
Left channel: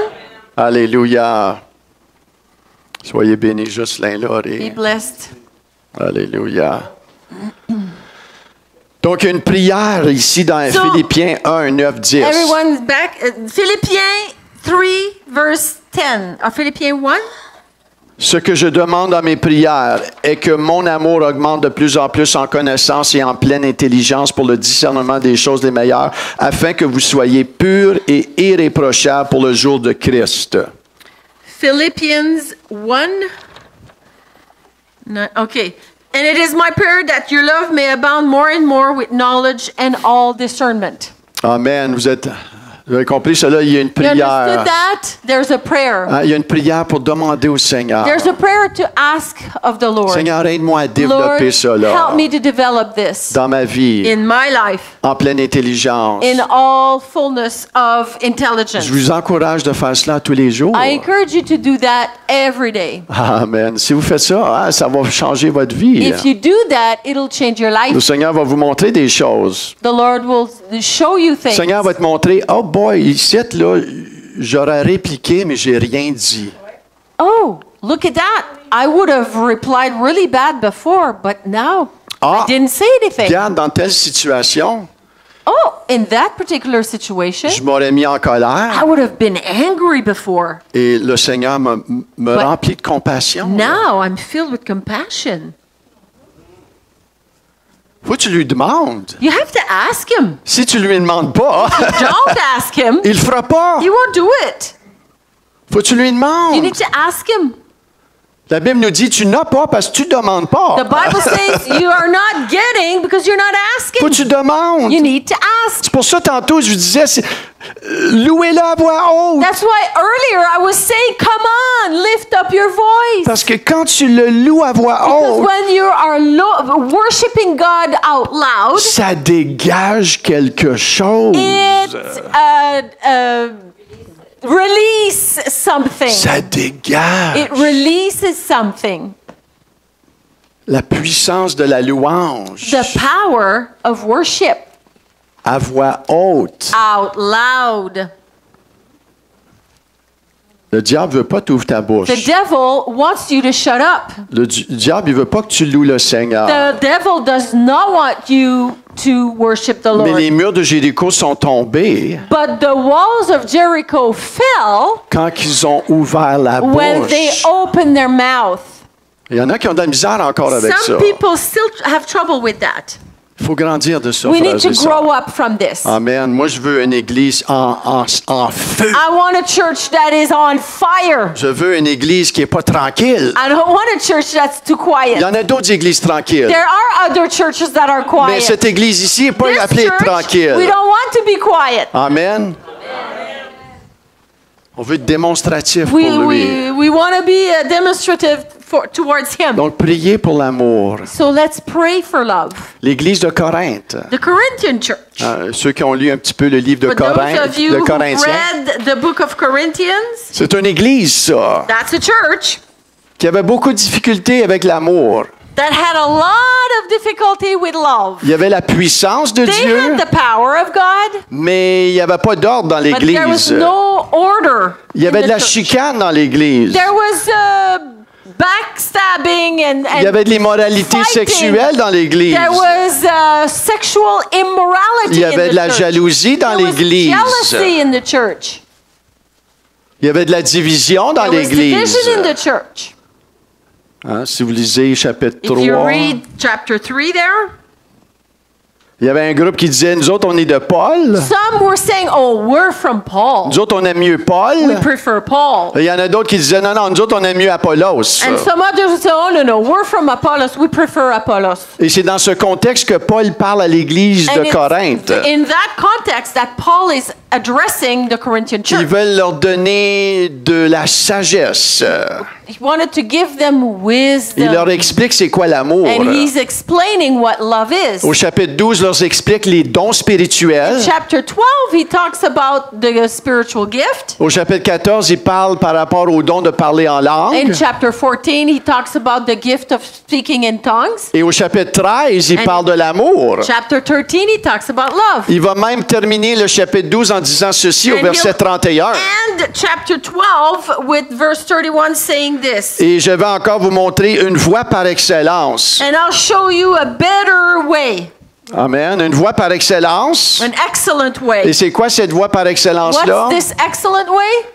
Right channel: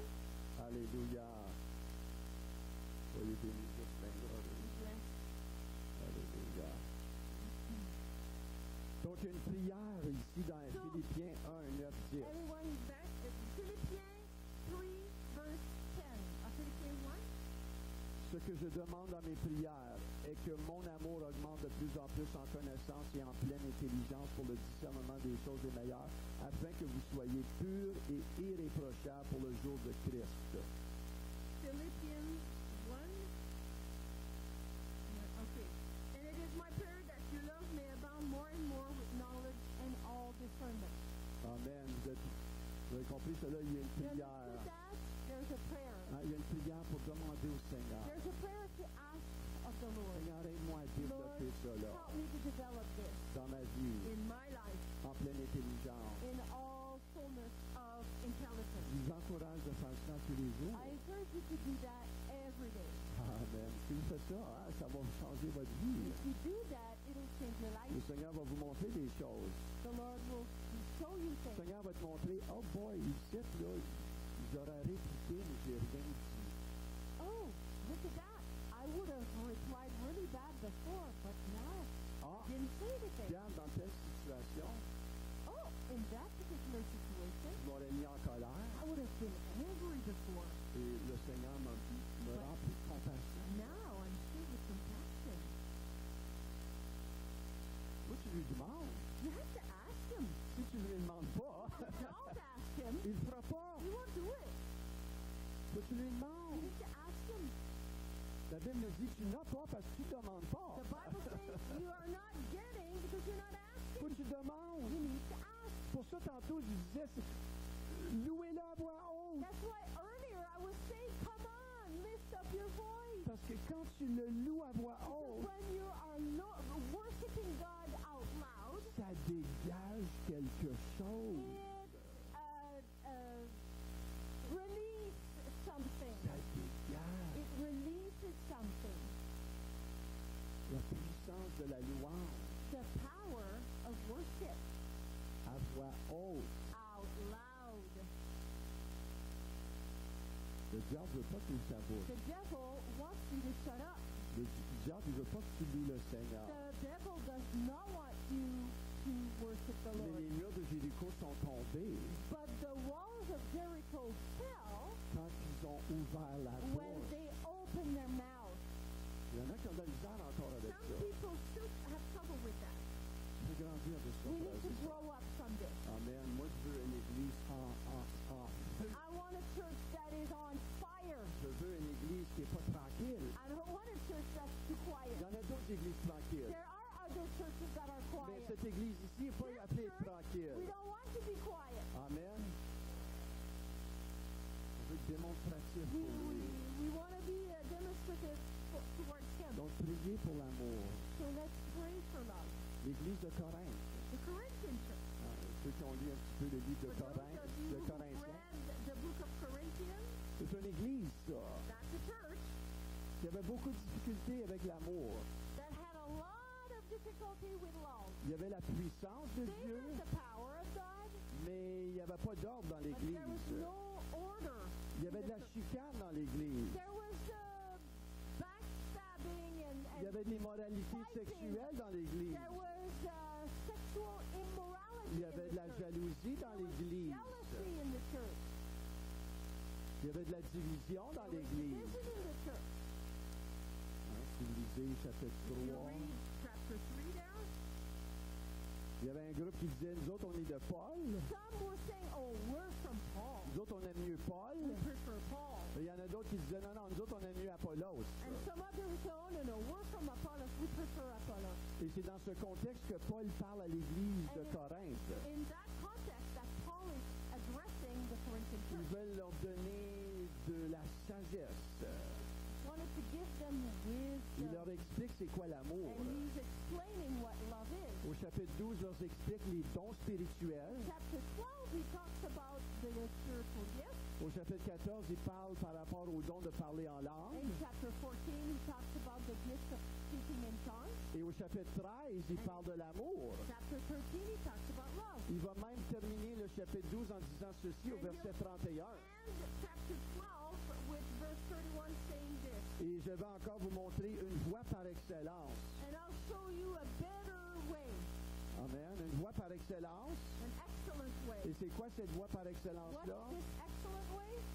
Alléluia. Soyez bénis, Jocelyn Be Laurie. blessed. Alléluia. Donc, une prière ici dans So, Philippiens 1, 9, 10. Everyone's back. Philippians 3, verse 10. Philippians 1. Ce que je demande dans mes prières est que mon amour augmente de plus en plus en connaissance et en pleine intelligence pour le discernement des choses les meilleures, afin que vous soyez purs et irréprochables pour le jour de Christ. Philippians 1. No, okay. And it is my prayer that your love may abound more and more with knowledge and all discernment. Amen. Vous êtes Vous avez compris cela? Il y a une You understood prière. that? There's a prayer. Hein, il y a une prière pour demander au Seigneur. There's a prayer to ask of the Lord. Seigneur, aide-moi à Lord, développer cela help me to develop this dans ma vie, in my life, en pleine intelligence. in all fullness of intelligence. Je vous encourage de faire cela tous les jours. I encourage you to do that every day. Amen. Si vous faites ça, hein, ça va changer votre vie. If you do that, it'll change your Le life. Seigneur va vous montrer des choses. The Lord will show you Le things. Seigneur va te montrer, oh boy, ici, là, j'aurais répliqué, mais j'ai rien dit. Oh, look at that. I would have replied really bad before, but now Ah, I didn't say anything. regarde, dans telle situation, Oh, in that particular situation, je m'aurais mis en I colère would have been angry before. et le Seigneur me But remplit de compassion. Now I'm filled with compassion. Faut que tu lui demandes. You have to ask him. Si tu lui demandes pas, Don't ask him. il le fera pas. He won't do it. Faut que tu lui You demandes. need to ask him. La Bible nous dit, tu n'as pas parce que tu demandes pas. The Bible says you are not getting because you're not Faut que asking. tu demandes. You need to ask. C'est pour ça, tantôt, je vous disais, louez-le à voix haute. That's why earlier I was saying, come on, lift up your voice. Parce que quand tu le loues à voix Because haute, when you are worshiping God out loud, ça dégage quelque chose. it release something. Ça dégage. It releases something. La puissance de la louange The power of worship à voix haute. out loud. Le diable veut pas t'ouvrir ta bouche. The devil wants you to shut up. Le diable, il veut pas que tu loues le Seigneur. The devil does not want you to worship the Mais Lord. les murs de Jéricho sont tombés But the walls of Jericho fell quand ils ont ouvert la when they bouche. opened their mouth. Il y en a qui ont de la misère encore avec ça. Some people still have trouble with that. Il faut grandir de ça, We frères need to et sœurs. grow up from this. Amen. Moi, je veux une église en feu. I want a church that is on fire. Je veux une église qui n'est pas tranquille. I don't want a church that's too Il quiet. y en a d'autres églises tranquilles. There are other churches that are Mais quiet. cette église ici n'est pas This appelée church, we tranquille. don't want to be quiet. Amen. On veut être démonstratif pour lui. We want to be demonstrative towards Him. Donc, priez pour l'amour. So let's pray for love. L'église de Corinthe. The Corinthian church. Ceux qui ont lu un petit peu le livre de For those Corinthe, of you de who Corinthiens. read the book of Corinthians, C'est une église, ça, that's a church qui avait beaucoup de difficultés avec l'amour. that had a lot of difficulty with love. Il y avait la puissance de They Dieu, had the power of God, mais il n'y avait pas d'ordre dans but there was l'église. no order. Il y avait in de the la church. chicane dans l'église. There was backstabbing and Il y avait de l'immoralité fighting. sexuelle dans l'église. There was sexual immorality Il y avait in de the la church. jalousie dans There was l'église. jealousy in the church. Il y avait de la division dans There was l'église. division in the church. Hein, si vous lisez chapitre If you 3, read chapter 3 there, il y avait un groupe qui disait, nous autres, on est de Paul. some were saying, oh, we're from Paul. Nous autres, on aime mieux Paul. We prefer Paul. Et il y en a d'autres qui disaient, non, non, nous autres, on aime mieux Apollos. And some others would say, oh, no, we're from Apollos. We prefer Apollos. Et c'est dans ce contexte que Paul parle à l'église And de it's Corinthe. in that context that Paul is addressing the Corinthian Ils church. veulent leur donner de la sagesse. He wanted to give them Il leur wisdom. explique c'est quoi l'amour. And he's explaining what love is. Au chapitre 12, il leur explique les dons spirituels. Chapter 12, he talks about the spiritual gift. Au chapitre 14, il parle par rapport au don de parler en In langue. chapter 14, he talks about the gift of speaking in tongues. Et au chapitre 13, il And- parle de l'amour. Chapter 13, he talks about love. Il va même terminer le chapitre 12 en disant ceci au And verset he'll 31. end chapter 12 with verse 31 saying this. Et je vais encore vous montrer une voie par excellence. And I'll show you a better way, Amen. Une voie par excellence. an excellent Et way. c'est quoi cette voie par excellence-là? What's this excellent way?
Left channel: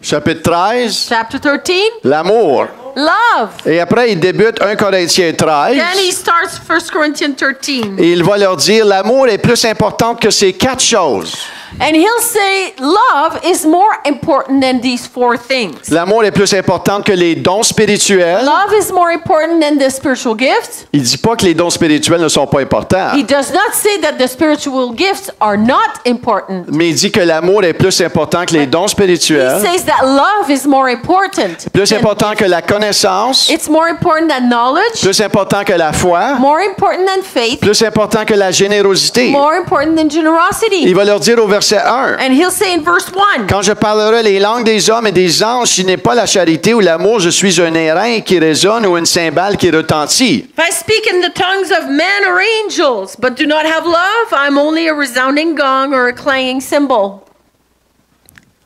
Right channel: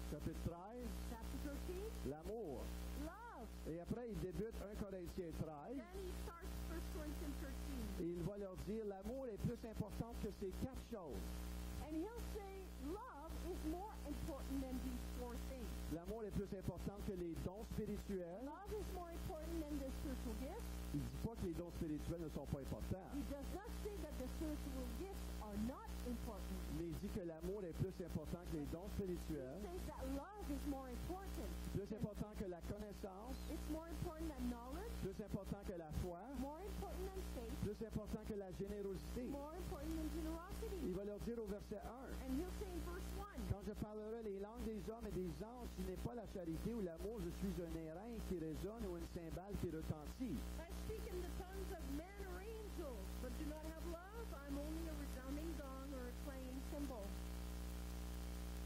Chapitre 13, Chapter 13, l'amour. love. Et après, il débute 1 Corinthiens 13. Then he starts 1 Corinthians 13. Et il va leur dire, l'amour est plus important que ces 4 choses. And he'll say love is more important than these four things. L'amour est plus important que les dons spirituels. Love is more important than the spiritual gifts. Il dit pas que les dons spirituels ne sont pas importants. He does not say that the spiritual gifts are not important. Mais il dit que l'amour est plus important que les dons He spirituels. says that love is more important. Plus important que la connaissance. It's more important than knowledge, Plus important que la foi. more important than faith, Plus important que la générosité. more important than generosity. Il va leur dire au verset 1. And he'll say in verse 1, Quand je parlerai les langues des hommes et des anges, si n'est pas la charité ou l'amour, je suis un airain qui résonne ou une cymbale qui retentit. if I speak in the tongues of men or angels, but do not have love, I'm only a resounding gong or a clanging cymbal.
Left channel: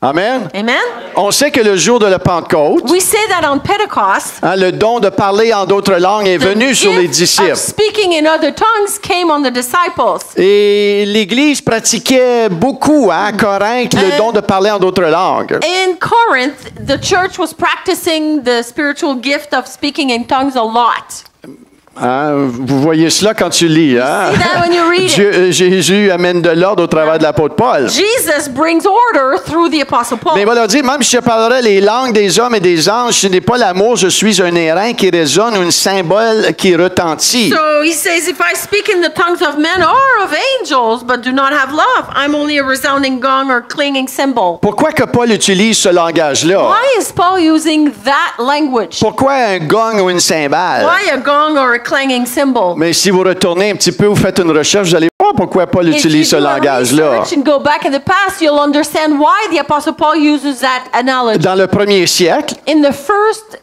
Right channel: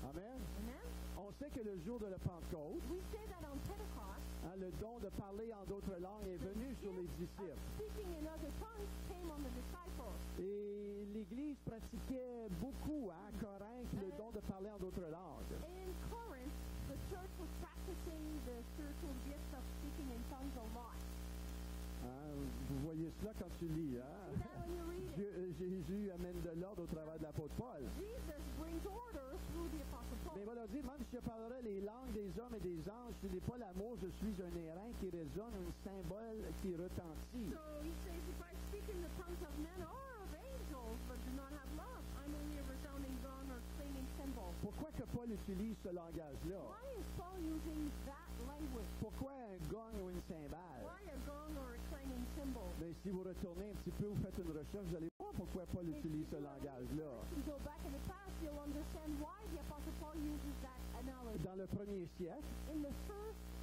Amen. Amen? On sait que le jour de la Pentecôte, We say that on Pentecost, le don de parler en d'autres langues est venu sur les gift of disciples. speaking in other tongues came on the disciples. Et l'Église pratiquait beaucoup à Corinthe le don de parler en d'autres langues. In Corinth, the church was practicing the spiritual gift of speaking in tongues a lot. Hein, vous voyez cela quand tu lis. Hein? See that when you read it. Jésus amène de l'ordre au travers de l'apôtre Paul. Jesus brings order through the Apostle Paul. Mais il va leur dire, même si je parlerai les langues des hommes et des anges, ce n'est pas l'amour, je suis un airain qui résonne ou une cymbale qui retentit. So he says, if I speak in the tongues of men or of angels, but do not have love, I'm only a resounding gong or clanging cymbal. Pourquoi que Paul utilise ce langage-là? Why is Paul using that language? Pourquoi un gong ou une cymbale? Why a gong or a clanging cymbal? Mais si vous retournez un petit peu, vous faites une recherche, vous allez voir pourquoi Paul If you utilise ce do a langage-là. research and go back in the past, you'll understand why the Apostle Paul uses that analogy. Dans le premier siècle, In the first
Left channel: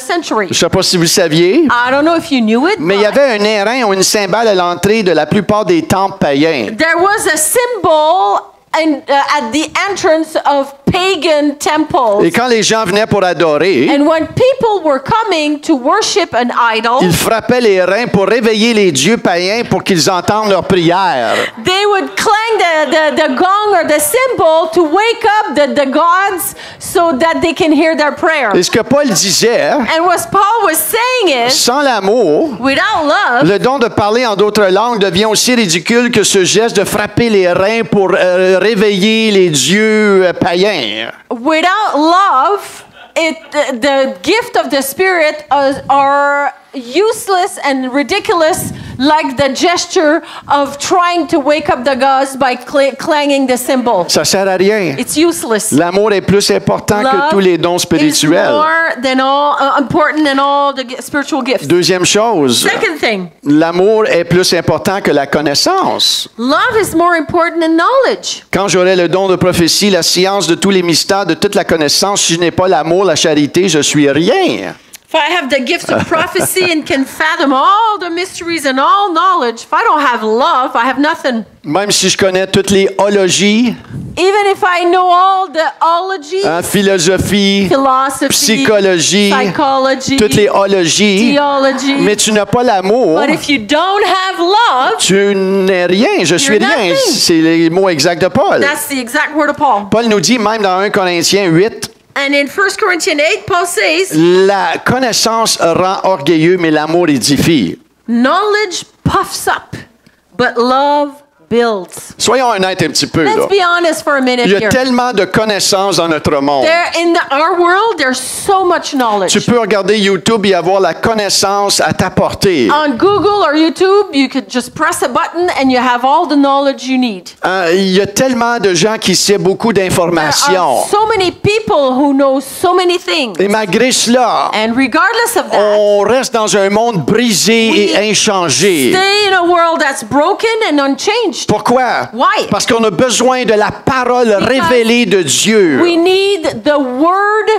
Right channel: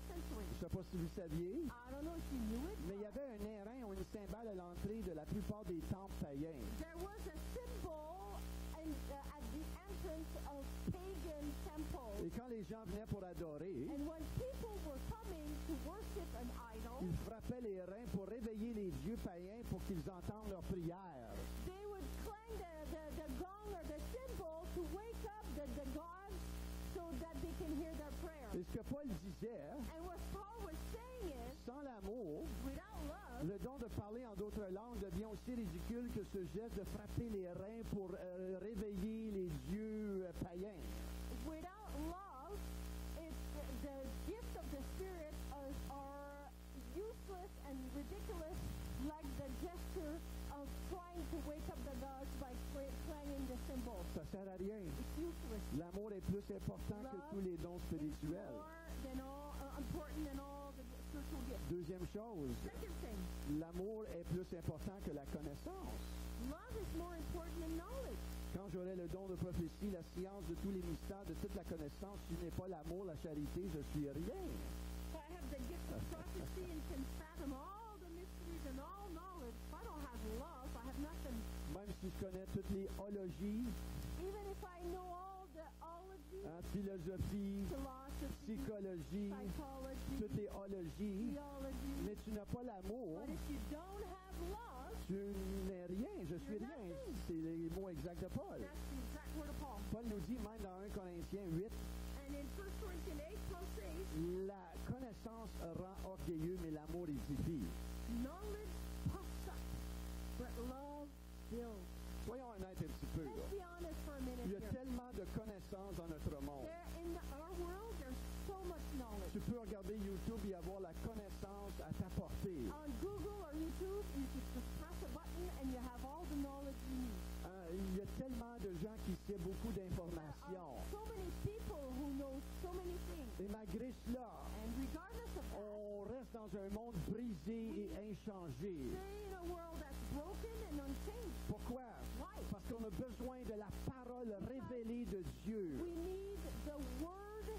century, je ne sais pas si vous le saviez, I don't know if you knew it, mais il y but avait un airain ou une cymbale à l'entrée de la plupart des temples païens. there was a symbol at the entrance of pagan Et temples. quand les gens venaient pour adorer, And when people were coming to worship an idol, ils frappaient les reins pour réveiller les dieux païens pour qu'ils entendent leurs prières. they would clang the gong or the cymbal to wake up the gods so that they can hear their prayers. Et ce que Paul disait, And what Paul was saying is, sans l'amour, without love, le don de parler en d'autres langues devient aussi ridicule que ce geste de frapper les reins pour réveiller les dieux païens. without love, the gift of the Spirit are useless and ridiculous, like the gesture of trying to wake up the gods by clanging the cymbal. Ça sert à rien. It's useless. L'amour est plus important que Love tous les dons is spirituels. more than all important than all the spiritual gifts. Deuxième chose, Second thing, l'amour est plus important que la connaissance. love is more important than knowledge. Quand j'aurai le don de prophétie, la science de tous les mystères, de toute la connaissance, si je n'ai pas l'amour, la charité, je suis rien. If I have the gifts of prophecy and can fathom all the mysteries and all knowledge, if I don't have love, I have nothing. Même si je connais toutes les ologies, Even if I know all the ology, philosophie, philosophy, psychologie, psychology, toutes les ologies, theology, mais tu n'as pas l'amour, but if you don't have love, tu n'es rien, je suis You're rien. nothing. C'est les mots exacts de Paul. that's the exact word of Paul. Paul nous dit même dans 1 Corinthiens 8, And in 1 Corinthians 8, Paul says, la connaissance rend orgueilleux, mais l'amour édifie. knowledge puffs up, but love builds. Soyons honnêtes un petit peu. Là. Let's be honest for a minute Il y a here. tellement de connaissances dans notre monde. Our world, there's so much knowledge. Tu peux regarder YouTube et avoir la connaissance à ta portée. On Google or YouTube, you could just press a button and you have all the knowledge you need. Il y a tellement de gens qui savent beaucoup There d'informations. are so many people who know so many things. Et malgré cela, And regardless of that, on reste dans un monde brisé et inchangé. stay in a world that's broken and unchanged. Pourquoi? Why? Parce qu'on a besoin de la parole révélée de Dieu. We need the word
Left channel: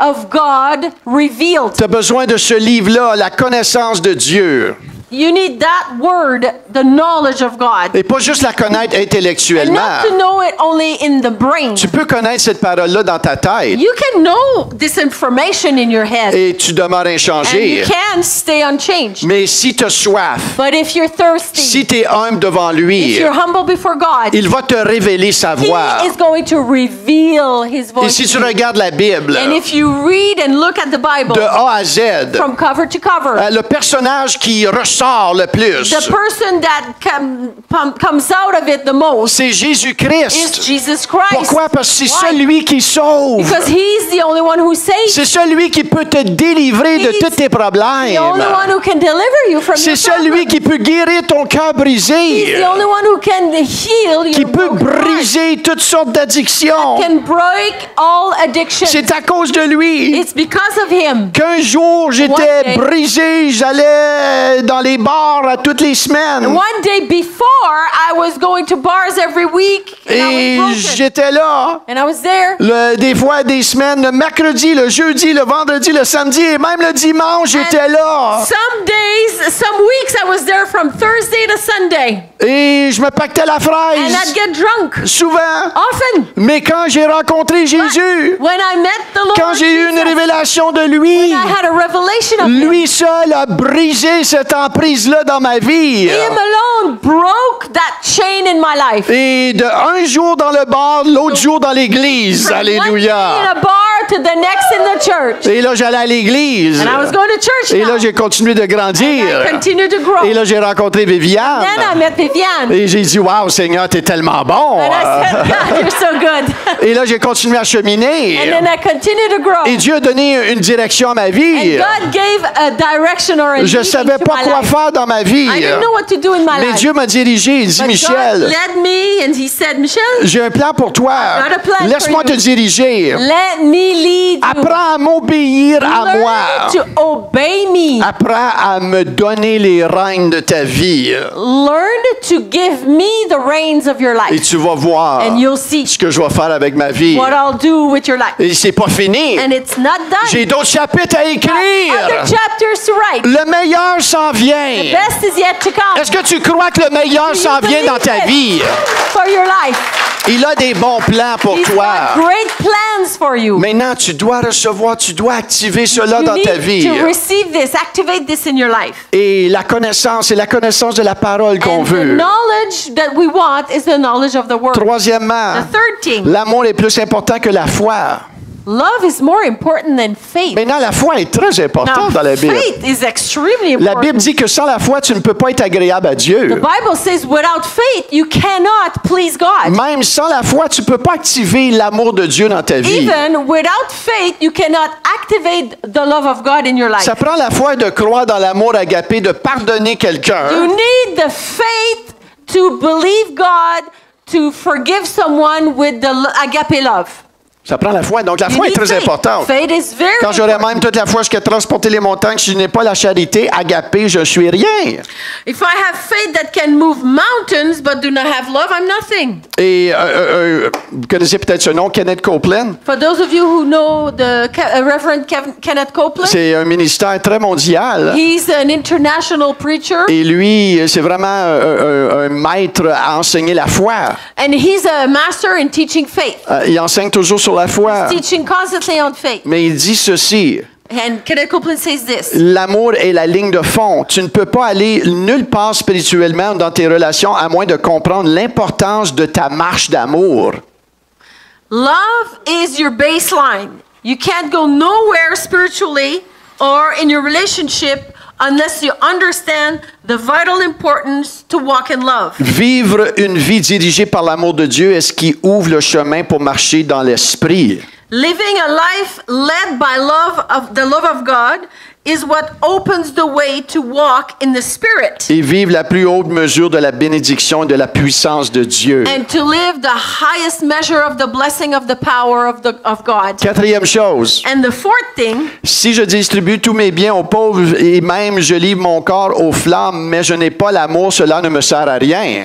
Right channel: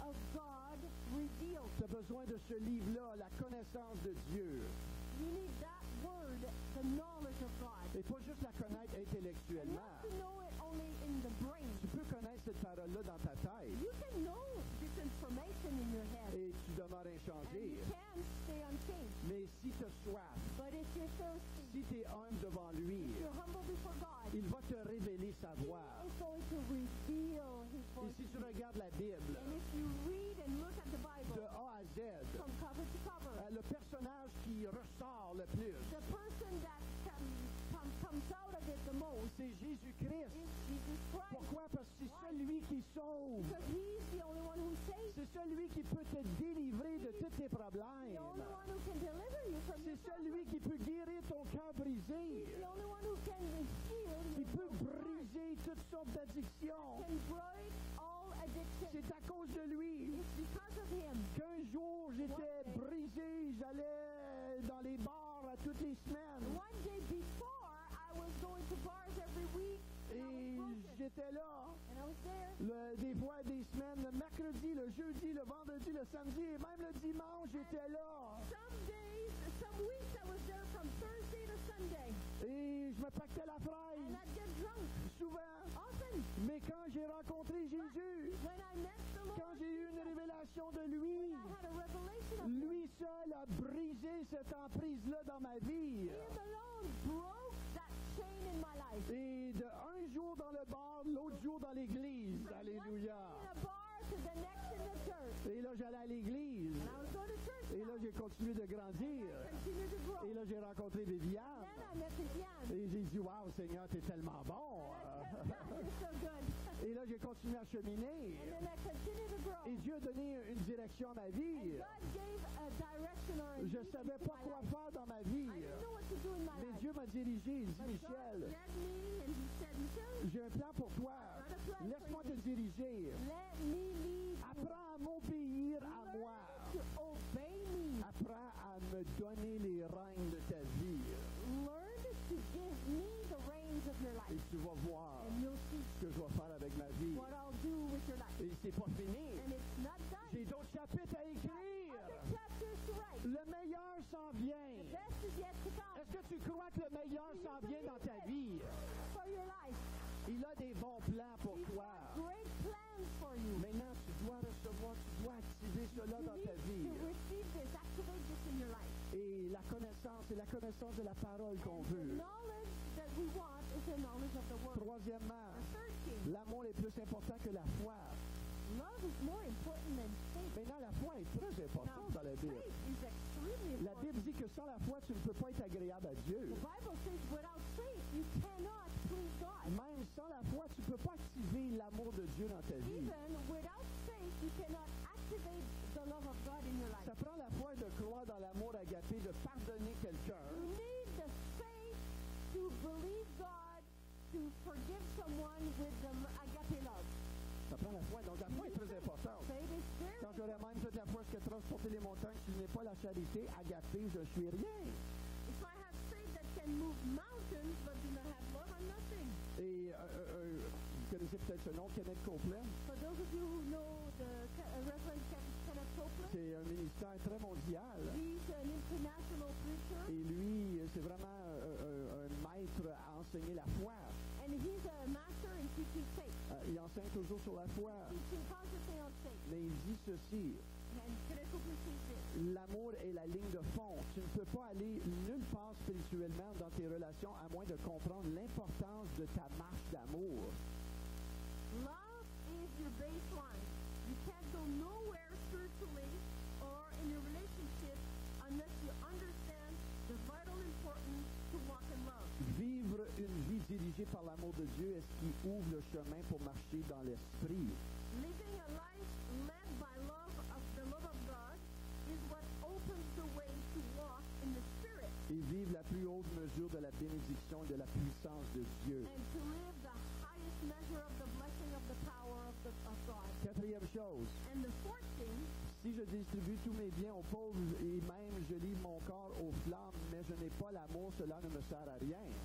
of God revealed. Tu as besoin de ce livre-là, la connaissance de Dieu. You need that word, the knowledge of God. Et pas juste la connaître And intellectuellement. not to know it only in the brain. Tu peux connaître cette parole-là dans ta tête You can know this information in your head. et tu demeures And inchangé. you can stay unchanged. Mais si tu as soif, But if you're thirsty, si tu es humble devant if lui, you're humble before God, il va te révéler sa voix. He is going to reveal His Et voice. si tu regardes la Bible, And if you read and look at the Bible de A à Z, from cover to cover, le personnage qui reçoit sort le plus. the person that comes out of it the most C'est is Jésus-Christ. Jesus Christ. Pourquoi? Parce que c'est Why? celui qui sauve. Because he's the only one who saves. C'est celui qui peut te délivrer de He's tous tes the only problèmes. one who can deliver you from C'est your celui problems. qui peut guérir ton cœur He's brisé. the only one who can heal Qui your peut broken heart. briser toutes sortes d'addictions. Can break all addictions. C'est à cause de lui It's because of him. qu'un jour j'étais One day. brisé, j'allais dans les bars à toutes les semaines. One day before, I was going to bars every week, and Et I was broken. j'étais là. And I was there. Des fois, des semaines, le mercredi, le jeudi, le vendredi, le samedi et même le dimanche, j'étais là. Some days, some weeks, I was there from Thursday to Sunday. Et je me pactais la And I'd fraise, get drunk. souvent. Often. Mais quand j'ai rencontré Jésus, When I met the Lord quand j'ai eu une Jesus, révélation de lui, I had a revelation of him. lui seul a brisé cette emprise-là dans ma vie. Him alone broke that chain in my life. Et de un jour dans le bar, l'autre jour dans l'église. From one day in Alléluia. a bar to the next in the church. Et là, j'allais à l'église. And I was going to church Et now. là, j'ai continué de grandir. I continued to grow. Et là, j'ai rencontré Viviane. Then I met Viviane. Et j'ai dit, wow, Seigneur, t'es tellement bon. And I said, God, you're so good. Et là, j'ai continué à cheminer. And then I continued to grow. Et Dieu a donné une direction à ma And vie. God gave a direction or a Je ne leading savais to pas my quoi life. faire dans ma vie. I didn't know what to do in my Mais life. Dieu m'a dirigé. Il dit, But God Michel, led me and he said, Michelle, j'ai un plan pour toi. I've got a plan Laisse-moi for te you. diriger. let me lead you. Apprends à m'obéir à moi. Learn to obey me. Apprends à me donner les rênes de ta vie. Learn to give me the reins of your Et life. tu vas voir And you'll see ce que je vais faire avec ma vie. what I'll do with your life. Et c'est pas fini. And it's not done. J'ai d'autres chapitres à Other écrire. chapters to write. Le meilleur s'en vient. Best is yet to come. Est-ce que tu crois que le meilleur Do you s'en vient dans believe ta it? vie? For your life. Il a des bons plans pour He's toi. got great plans for you. Maintenant, tu dois recevoir, tu dois activer cela You dans ta need vie. to receive this, activate this in your life. Et la connaissance, c'est la connaissance de la parole qu'on And the veut. knowledge that we want is the knowledge of the word. Troisièmement, The third thing, l'amour est plus important que la foi. love is more important than faith. Maintenant, la foi est très importante dans la Bible. faith is extremely La important. Bible dit que sans la foi, tu ne peux pas être agréable à The Dieu. Bible says without faith you cannot please God. Même sans la foi, tu ne peux pas activer l'amour de Dieu dans ta vie. Even without faith you cannot activate the love of God in your life. Ça prend la foi de croire dans l'amour agapé, de pardonner You quelqu'un. need the faith to believe God, to forgive someone with the agape love. Ça prend la foi. Donc, la You foi est need très faith. importante. Faith is very Quand j'aurais important. même toute la foi jusqu'à transporter les montagnes, si je n'ai pas la charité, agapé, je suis rien. If I have faith that can move mountains but do not have love, I'm nothing. Et vous connaissez peut-être ce nom, Kenneth Copeland. For those of you who know the Reverend Kenneth Copeland, C'est un ministère très mondial. he's an international preacher Et lui, c'est vraiment un maître à enseigner la foi. and he's a master in teaching faith. Il enseigne toujours sur la foi. Teaching constantly on faith. Mais il dit ceci. And Kenneth Copeland says this. L'amour est la ligne de fond. Tu ne peux pas aller nulle part spirituellement dans tes relations à moins de comprendre l'importance de ta marche d'amour. Love is your baseline. You can't go nowhere spiritually or in your relationship unless you understand the vital importance to walk in love. Vivre une vie dirigée par l'amour de Dieu est ce qui ouvre le chemin pour marcher dans l'esprit. Living a life led by the love of God is what opens the way to walk in the Spirit. Et vivre la plus haute mesure de la bénédiction et de la puissance de Dieu. And to live the highest measure of the blessing of the power of God. Quatrième chose, And the fourth thing, si je distribue tous mes biens aux pauvres et même je livre mon corps aux flammes, mais je n'ai pas l'amour, cela ne me sert à rien.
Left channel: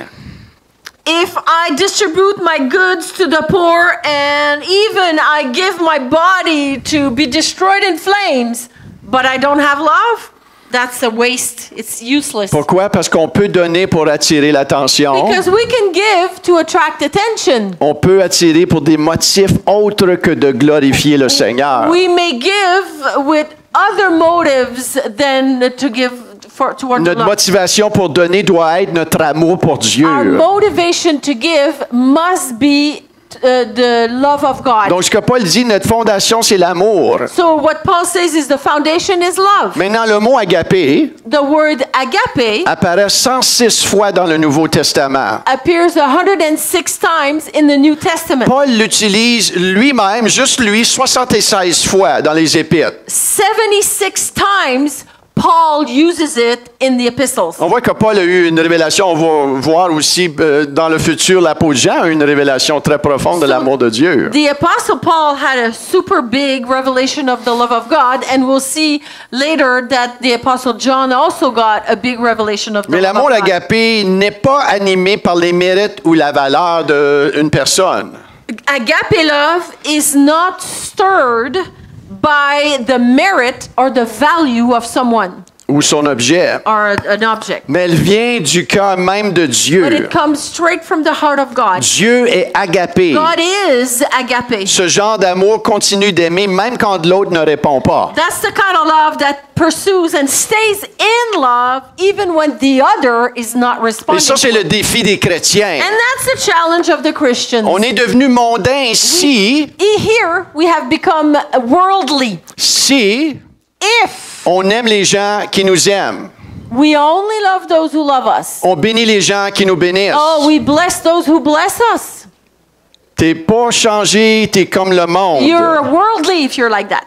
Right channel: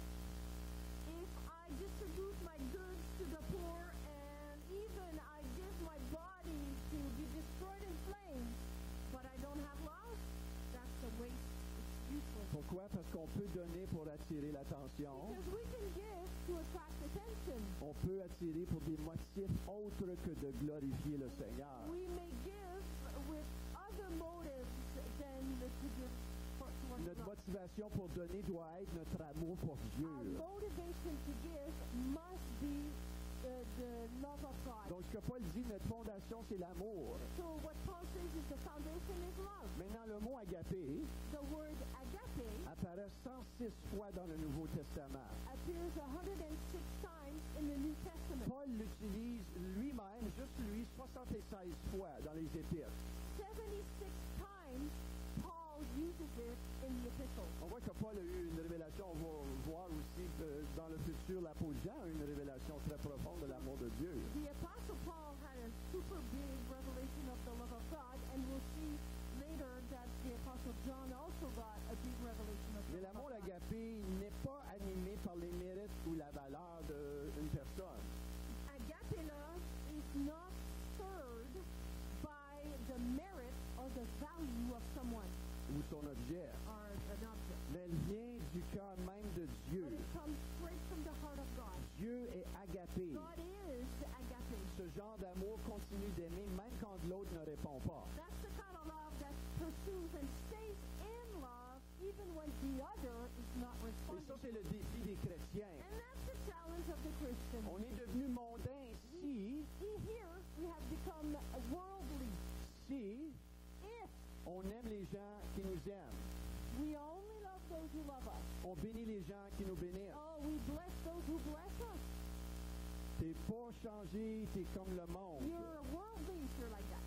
if I distribute my goods to the poor and even I give my body to be destroyed in flames, but I don't have love, that's a waste. It's useless. Pourquoi? Parce qu'on peut donner pour attirer l'attention. Because we can give to attract attention. On peut attirer pour des motifs autres que de glorifier le Seigneur. We may give with other motives than to give toward Notre love. motivation pour donner doit être notre amour pour Dieu. Our motivation to give must be the love of God. Donc, ce que Paul dit, notre fondation, c'est l'amour. So what Paul says is the foundation is love. Maintenant, le mot agapé The word agape apparaît 106 fois dans le Nouveau Testament. appears 106 times in the New Testament. Paul l'utilise lui-même, juste lui, 76 fois dans les Épîtres. 76 times Paul uses it in the epistles. On voit que Paul a eu une révélation. On va voir aussi dans le futur, l'apôtre Jean a eu une révélation très profonde de l'amour de Dieu. The apostle Paul had a super big revelation of the love of God, and we'll see later that the apostle John also got a big revelation of the Mais love l'amour of God. agapé n'est pas animé par les mérites ou la valeur d'une personne. Agape love is not stirred by the merit or the value of someone Ou son objet. or an object. Mais elle vient du cœur même de But Dieu. it comes straight from the heart of God. Dieu est agapé. God is agape. Ce genre d'amour continue d'aimer même quand l'autre ne répond pas. That's the kind of love that pursues and stays in love even when the other is not Et responding. ça, c'est le défi des chrétiens. And that's the challenge of the Christians. On est devenu mondain si Here we have become worldly. If on aime les gens qui nous aiment. we only love those who love us. On bénit les gens qui nous bénissent. Oh, we bless those who bless us. T'es pas changé, t'es comme le monde. You're worldly if you're like that.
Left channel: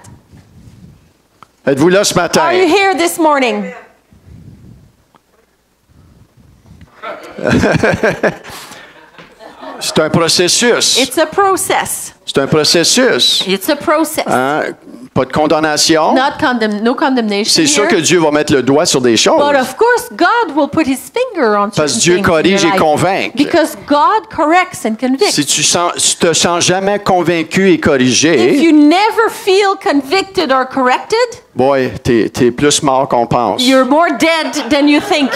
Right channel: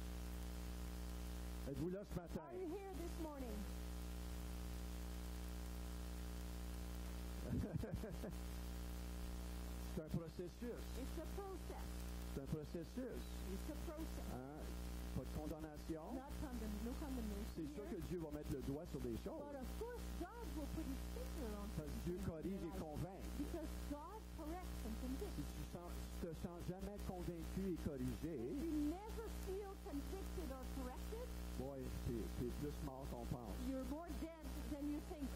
Êtes-vous là ce matin? Are you here this morning? C'est un processus. It's a process. C'est un processus. It's a process. Hein? Pas de condamnation. No condemnation C'est sûr here. que Dieu va mettre le doigt sur des choses. But of course, God will put His finger on Parce certain que Dieu things in corrige your et life. convainc. Because God corrects and convicts. Si tu te sens jamais convaincu et If corrigé, you never feel convicted or corrected, boy, t'es plus mort qu'on pense. you're more dead than you think.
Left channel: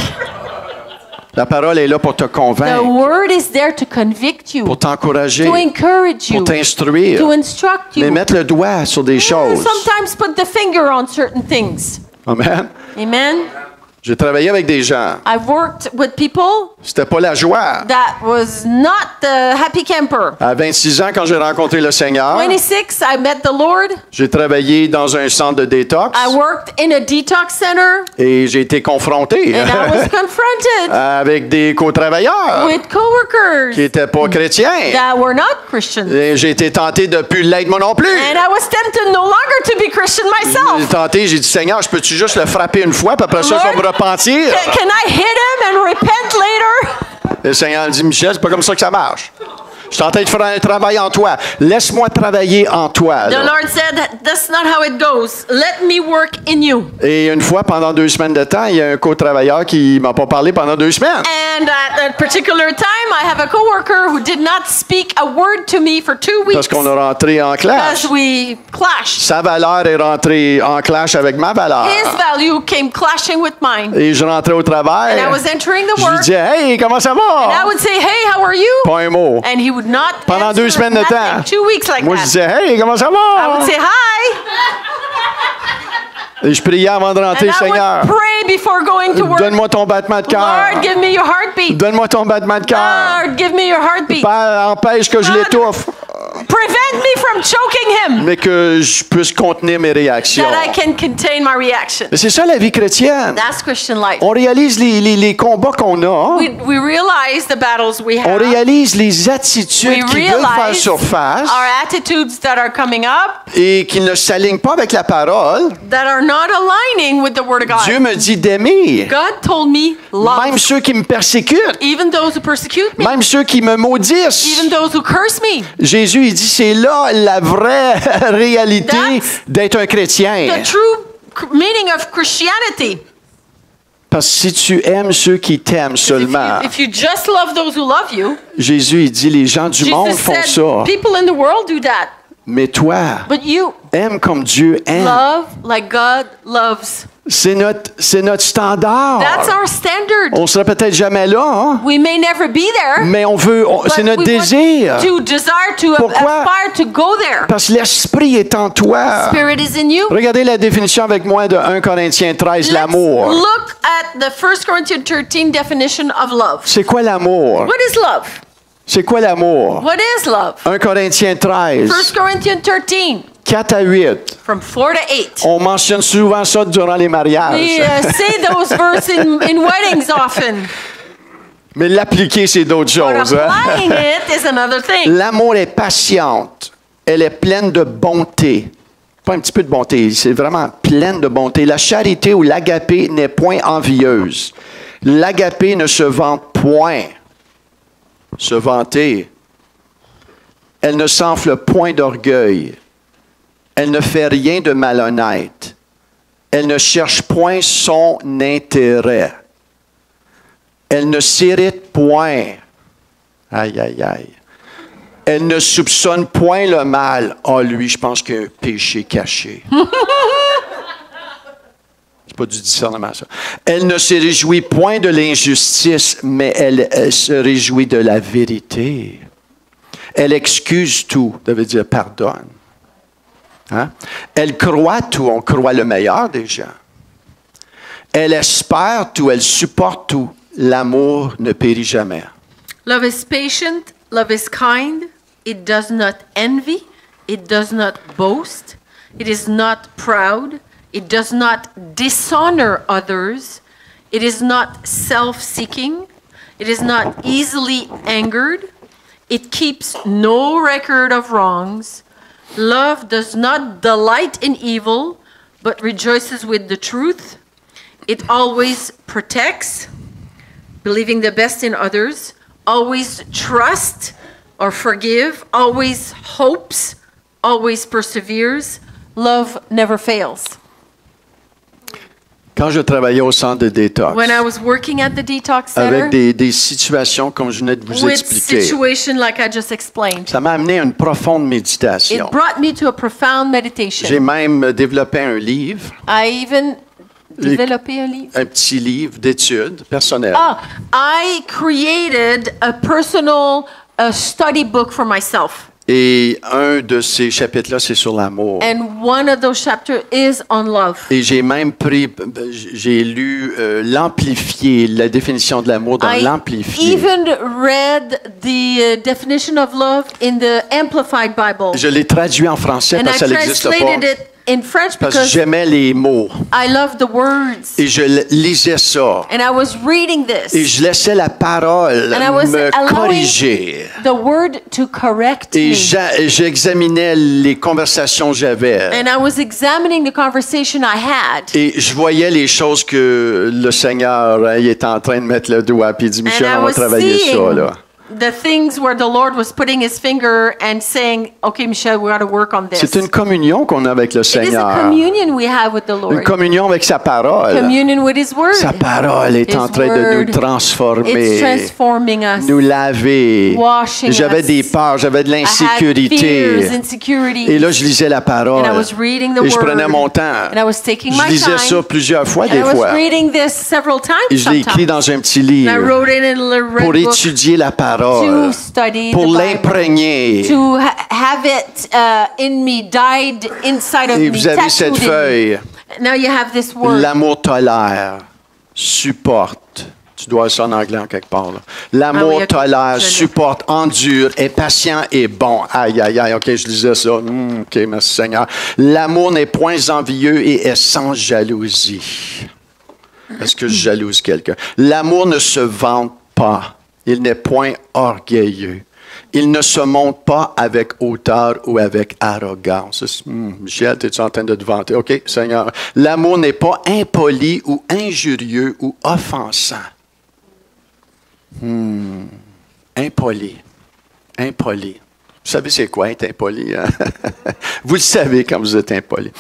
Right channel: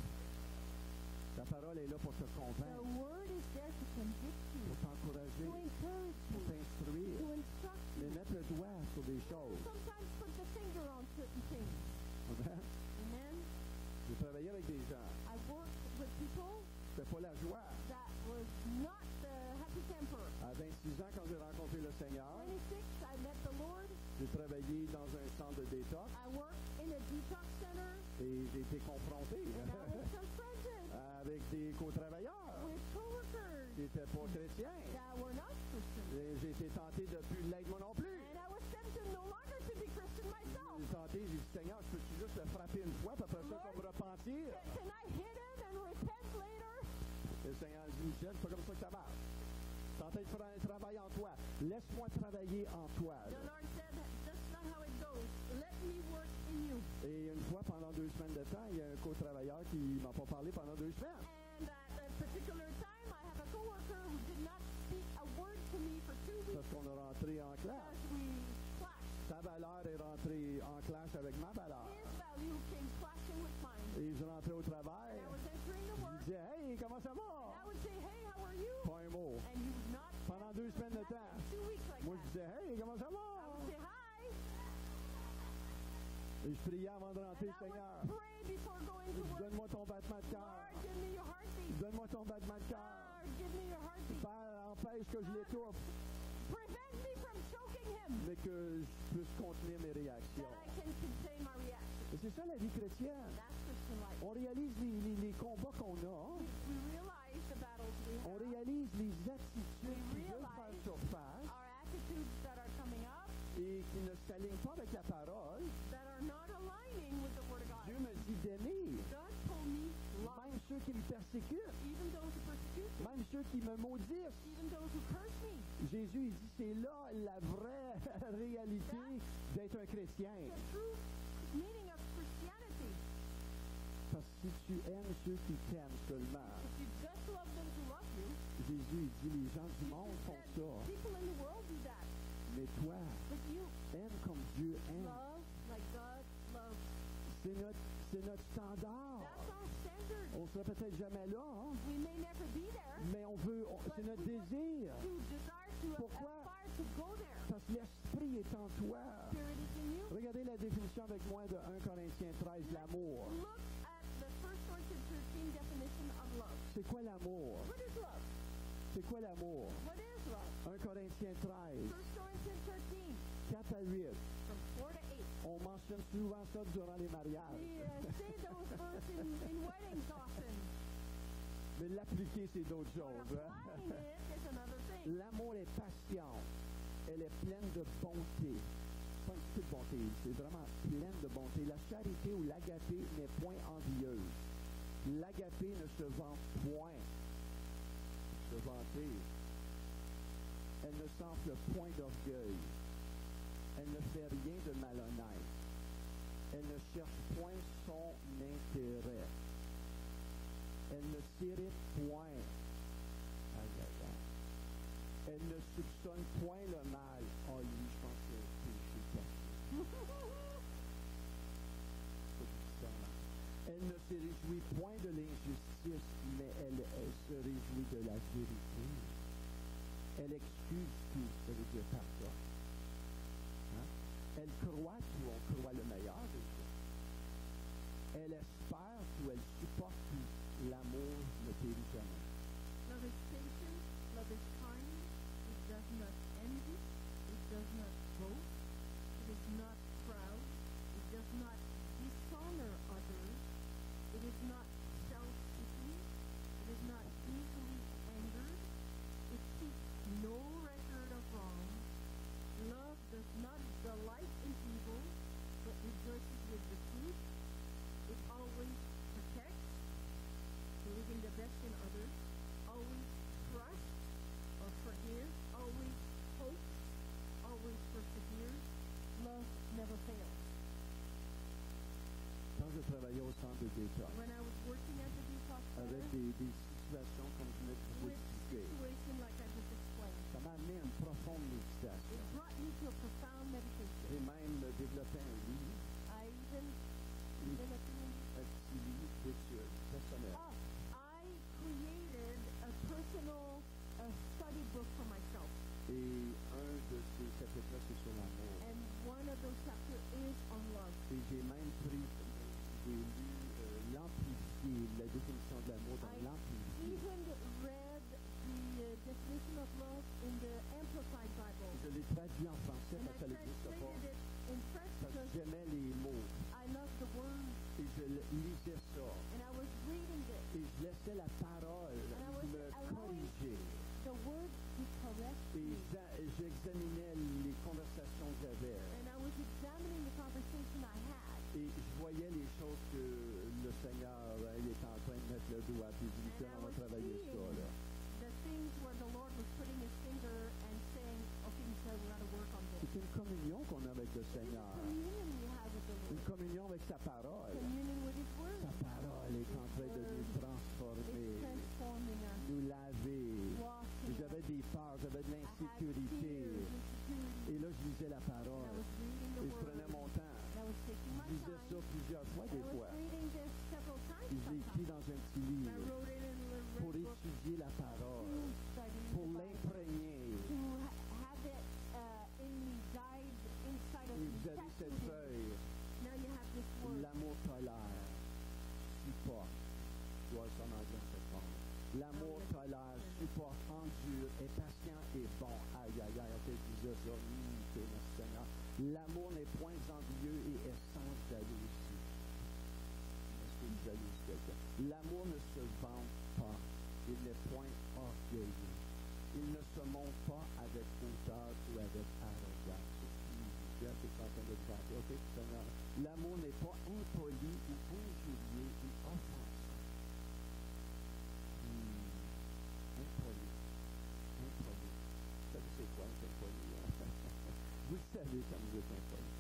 La parole est là pour te The convaincre, Word is there to convict you, pour t'encourager, to encourage you, pour t'instruire, to instruct mais you. mettre le doigt sur des choses. Sometimes put the finger on certain things. Amen. Amen. J'ai travaillé avec des gens. I've worked with people C'était pas la joie. that was not the happy camper. À 26 ans, quand j'ai rencontré le Seigneur, 26, I met the Lord. j'ai travaillé dans un centre de détox I worked in a detox center, et j'ai été confronté and I was confronted avec des co-travailleurs with coworkers qui n'étaient pas chrétiens. that were not Christians. Et j'ai été tenté de plus l'être moi non plus. And I was tempted no longer to be Christian J'ai myself. tenté, j'ai dit, Seigneur, je peux-tu juste le frapper une fois, puis après ça, je vais me repentir? Can I hit him and repent later? Le Seigneur dit, Michel, c'est pas comme ça que ça marche. Je suis en train de faire un travail en toi. Laisse-moi travailler en toi. The là. Lord said, that's not how it goes. Let me work in you. Et une fois, pendant 2 semaines de temps, il y a un co-travailleur qui m'a pas parlé pendant 2 semaines. And at a particular time, I have a coworker who did not speak a word to me for 2 weeks Parce qu'on a rentré en clash. because we clashed. Sa valeur est rentrée en clash avec ma valeur. His value came clashing with mine. Et je rentrais au travail. And I was entering the Je lui work, disais, hey, comment ça and I va? would say, hey, how are you? Pas un mot. And he would not Pendant answer 2 semaines de nothing. temps. 2 weeks like Moi, je that. disais, hey, comment ça I would va? say hi, Et je priais avant de rentrer, and I Seigneur, would pray before going to work. donne-moi ton battement de cœur. Lord, give me your heartbeat. Donne-moi ton battement de cœur. Lord, give me your heartbeat. Père, empêche que je l'étouffe, Prevent me from choking him, mais que je puisse contenir mes réactions. that I can contain my reaction. Mais c'est ça la vie chrétienne. That's Christian life. On réalise les combats qu'on a. We realize the battles we On have. réalise les attitudes We qui veulent faire realize surface our attitudes that are coming up et qui ne s'alignent pas avec la parole. that are not aligning with the Word of God. Dieu me dit d'aimer. God told me, love Même ceux qui me persécutent. even those who persecute me, Même ceux qui me maudissent. even those who curse me. Jésus, il dit, c'est là la vraie réalité That's d'être un chrétien. The true meaning of Christianity. Parce que si tu aimes ceux qui t'aiment seulement, If you just love those who love you, Jésus, il dit, les gens du monde Jesus font said, ça. people in the world do that. Mais toi, But you aime comme Dieu aime. love like God loves. C'est notre standard. That's our standard. On sera peut-être jamais là, hein? We may never be there, Mais but c'est notre we want désir. to desire to Pourquoi? aspire to go there. Parce que l'Esprit est en toi. Spirit is in you. Regardez la définition avec moi de 1 Corinthiens 13, Let's l'amour. look at the 1 Corinthians 13 definition of love. C'est quoi l'amour? What is love? C'est quoi l'amour? What is love? 1 Corinthiens 13, 1 Corinthians 13, 4 à 8. from 4 to 8. On mentionne souvent ça durant les mariages. We say those verses in weddings often. Mais l'appliquer, c'est d'autres But choses. Hein? applying it is another thing. L'amour est patiente. Elle est pleine de bonté. Pas un petit peu de bonté, c'est vraiment pleine de bonté. La charité ou l'agapé n'est point envieuse. L'agapé ne se vante point. Se vanter. Elle ne s'enfle point d'orgueil. Elle ne fait rien de malhonnête. Elle ne cherche point son intérêt. Elle ne s'irrite point. Aïe, aïe, aïe. Elle ne soupçonne point le mal. Ah, lui, je pense qu'il y a un péché caché. C'est pas du discernement, ça. Elle ne se réjouit point de l'injustice, mais elle se réjouit de la vérité. Elle excuse tout, ça veut dire pardonne. Hein? Elle croit tout, on croit le meilleur des gens. Elle espère tout, elle supporte tout. L'amour ne périt jamais. Love is patient, love is kind, it does not envy, it does not boast, it is not proud, it does not dishonor others, it is not self-seeking, it is not easily angered, it keeps no record of wrongs. Love does not delight in evil, but rejoices with the truth. It always protects, believing the best in others, always trusts or forgive, always hopes, always perseveres. Love never fails. Quand je travaillais au centre de détox, When I was working at the detox avec center, des situations comme je venais de vous with expliquer, situation like I just explained, ça m'a amené à une profonde it méditation. brought me to a profound J'ai meditation. même développé un livre, I even developed a livre. un petit livre d'études personnelles. I created a personal study book for myself. Et un de ces chapitres-là, c'est sur l'amour. And one of those chapters is on love. Et j'ai même j'ai lu l'amplifié, la définition de l'amour dans I l'amplifié. even read the definition of love in the Amplified Bible. Je l'ai traduit en français And parce I que ça n'existe translated pas. it in French Parce que because j'aimais les mots. I love the words. Et je lisais ça. And I was reading Et this. je laissais la parole And I was me allowing corriger. the word to correct Et me. j'examinais les conversations que j'avais. And I was examining the conversation I had. Et je voyais les choses que le Seigneur il est en train de mettre le doigt. Puis il dit, And Michel, I on va was travailler ça. seeing Là. the things where the Lord was putting his finger and saying, okay, Michelle, we got to work on this. C'est une communion qu'on a avec le It is a Seigneur. communion we have with the Une Lord. communion avec sa parole. Communion with his word. Sa parole est His en train de nous word, It's transformer, transforming us. nous laver. Washing J'avais us. des peurs, j'avais de I had fears, l'insécurité. insecurities. Et là, je lisais la parole. And I was reading the Et je word. prenais mon temps. And I was taking Je my lisais time. ça plusieurs fois, And des I was fois. reading this several times Et je l'ai écrit sometimes. dans un petit And I livre wrote it in a red pour book étudier la to parole, study pour the Bible. l'imprégner. To have it in me, died inside of Et me, vous avez cette tattooed in me. feuille. Now you have this word. L'amour tolère, supporte. Tu dois avoir ça en anglais en quelque part. là. Ah oui, L'amour ok. tolère, Je l'ai. supporte, endure, est patient et bon. Aïe, aïe, aïe, OK, je lisais ça. OK, merci Seigneur. L'amour n'est point envieux et est sans jalousie. Est-ce que je jalouse quelqu'un? L'amour ne se vante pas. Il n'est point orgueilleux. Il ne se montre pas avec hauteur ou avec arrogance. Michel, es-tu en train de te vanter? OK, Seigneur. L'amour n'est pas impoli ou injurieux ou offensant. Impoli. Impoli. Vous savez c'est quoi être impoli? Hein? Vous le savez quand vous êtes impoli.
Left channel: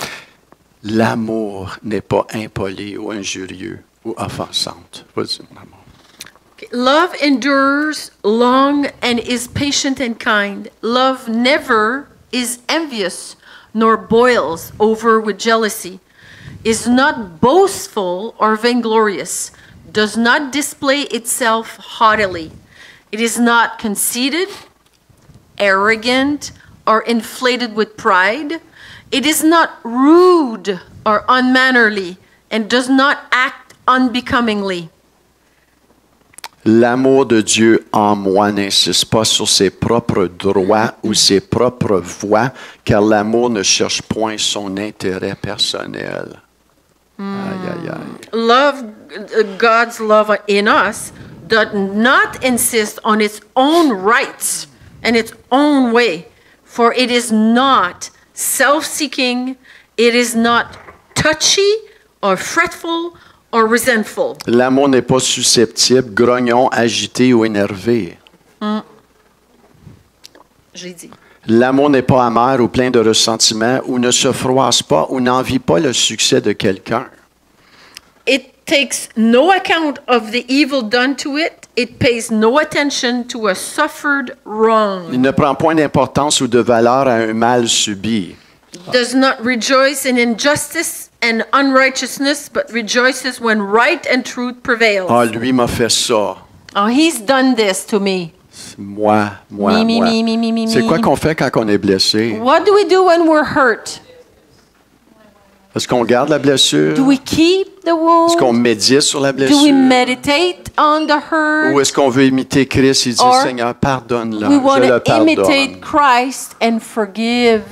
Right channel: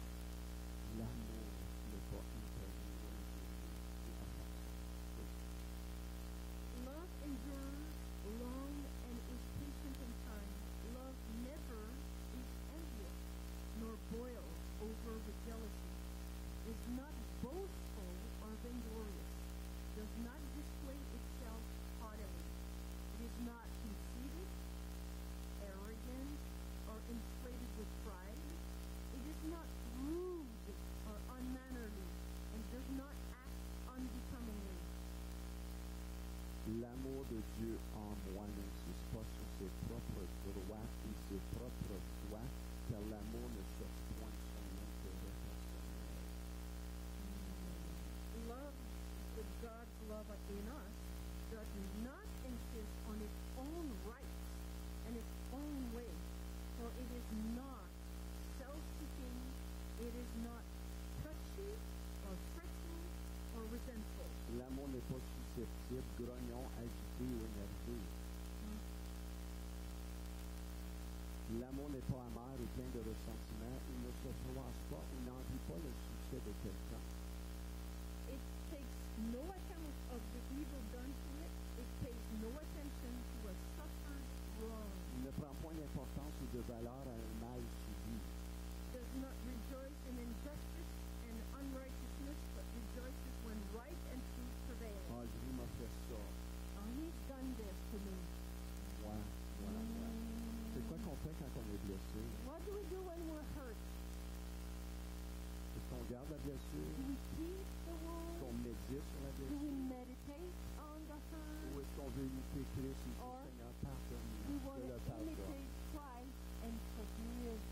L'amour n'est pas impoli ou injurieux ou offensante. Vas-y, mon amour. Love endures long and is patient and kind. Love never is envious, nor boils over with jealousy, is not boastful or vainglorious, does not display itself haughtily. It is not conceited, arrogant, or inflated with pride. It is not rude or unmannerly, and does not act unbecomingly. L'amour de Dieu en moi n'insiste pas sur ses propres droits ou ses propres voies, car l'amour ne cherche point son intérêt personnel. Aïe, aïe, aïe. Love, God's love in us does not insist on its own rights and its own way, for it is not self-seeking, it is not touchy or fretful or resentful. L'amour n'est pas susceptible, grognon, agité ou énervé. J'ai dit. L'amour n'est pas amer ou plein de ressentiment ou ne se froisse pas ou n'envie pas le succès de quelqu'un. It takes no account of the evil done to it. It pays no attention to a suffered wrong. Il ne prend point d'importance ou de valeur à un mal subi. Does not rejoice in injustice and unrighteousness, but rejoices when right and truth prevails. Ah, lui m'a fait ça. Oh, he's done this to me. Moi. Me. C'est quoi qu'on fait quand on est blessé? What do we do when we're hurt? Est-ce qu'on garde la blessure? Do we keep the wound? Est-ce qu'on médite sur la Do we blessure? meditate on the hurt? Ou est-ce qu'on veut imiter Christ et dire, Or Seigneur, pardonne-la, We want je le to imitate pardonne. Christ and forgive.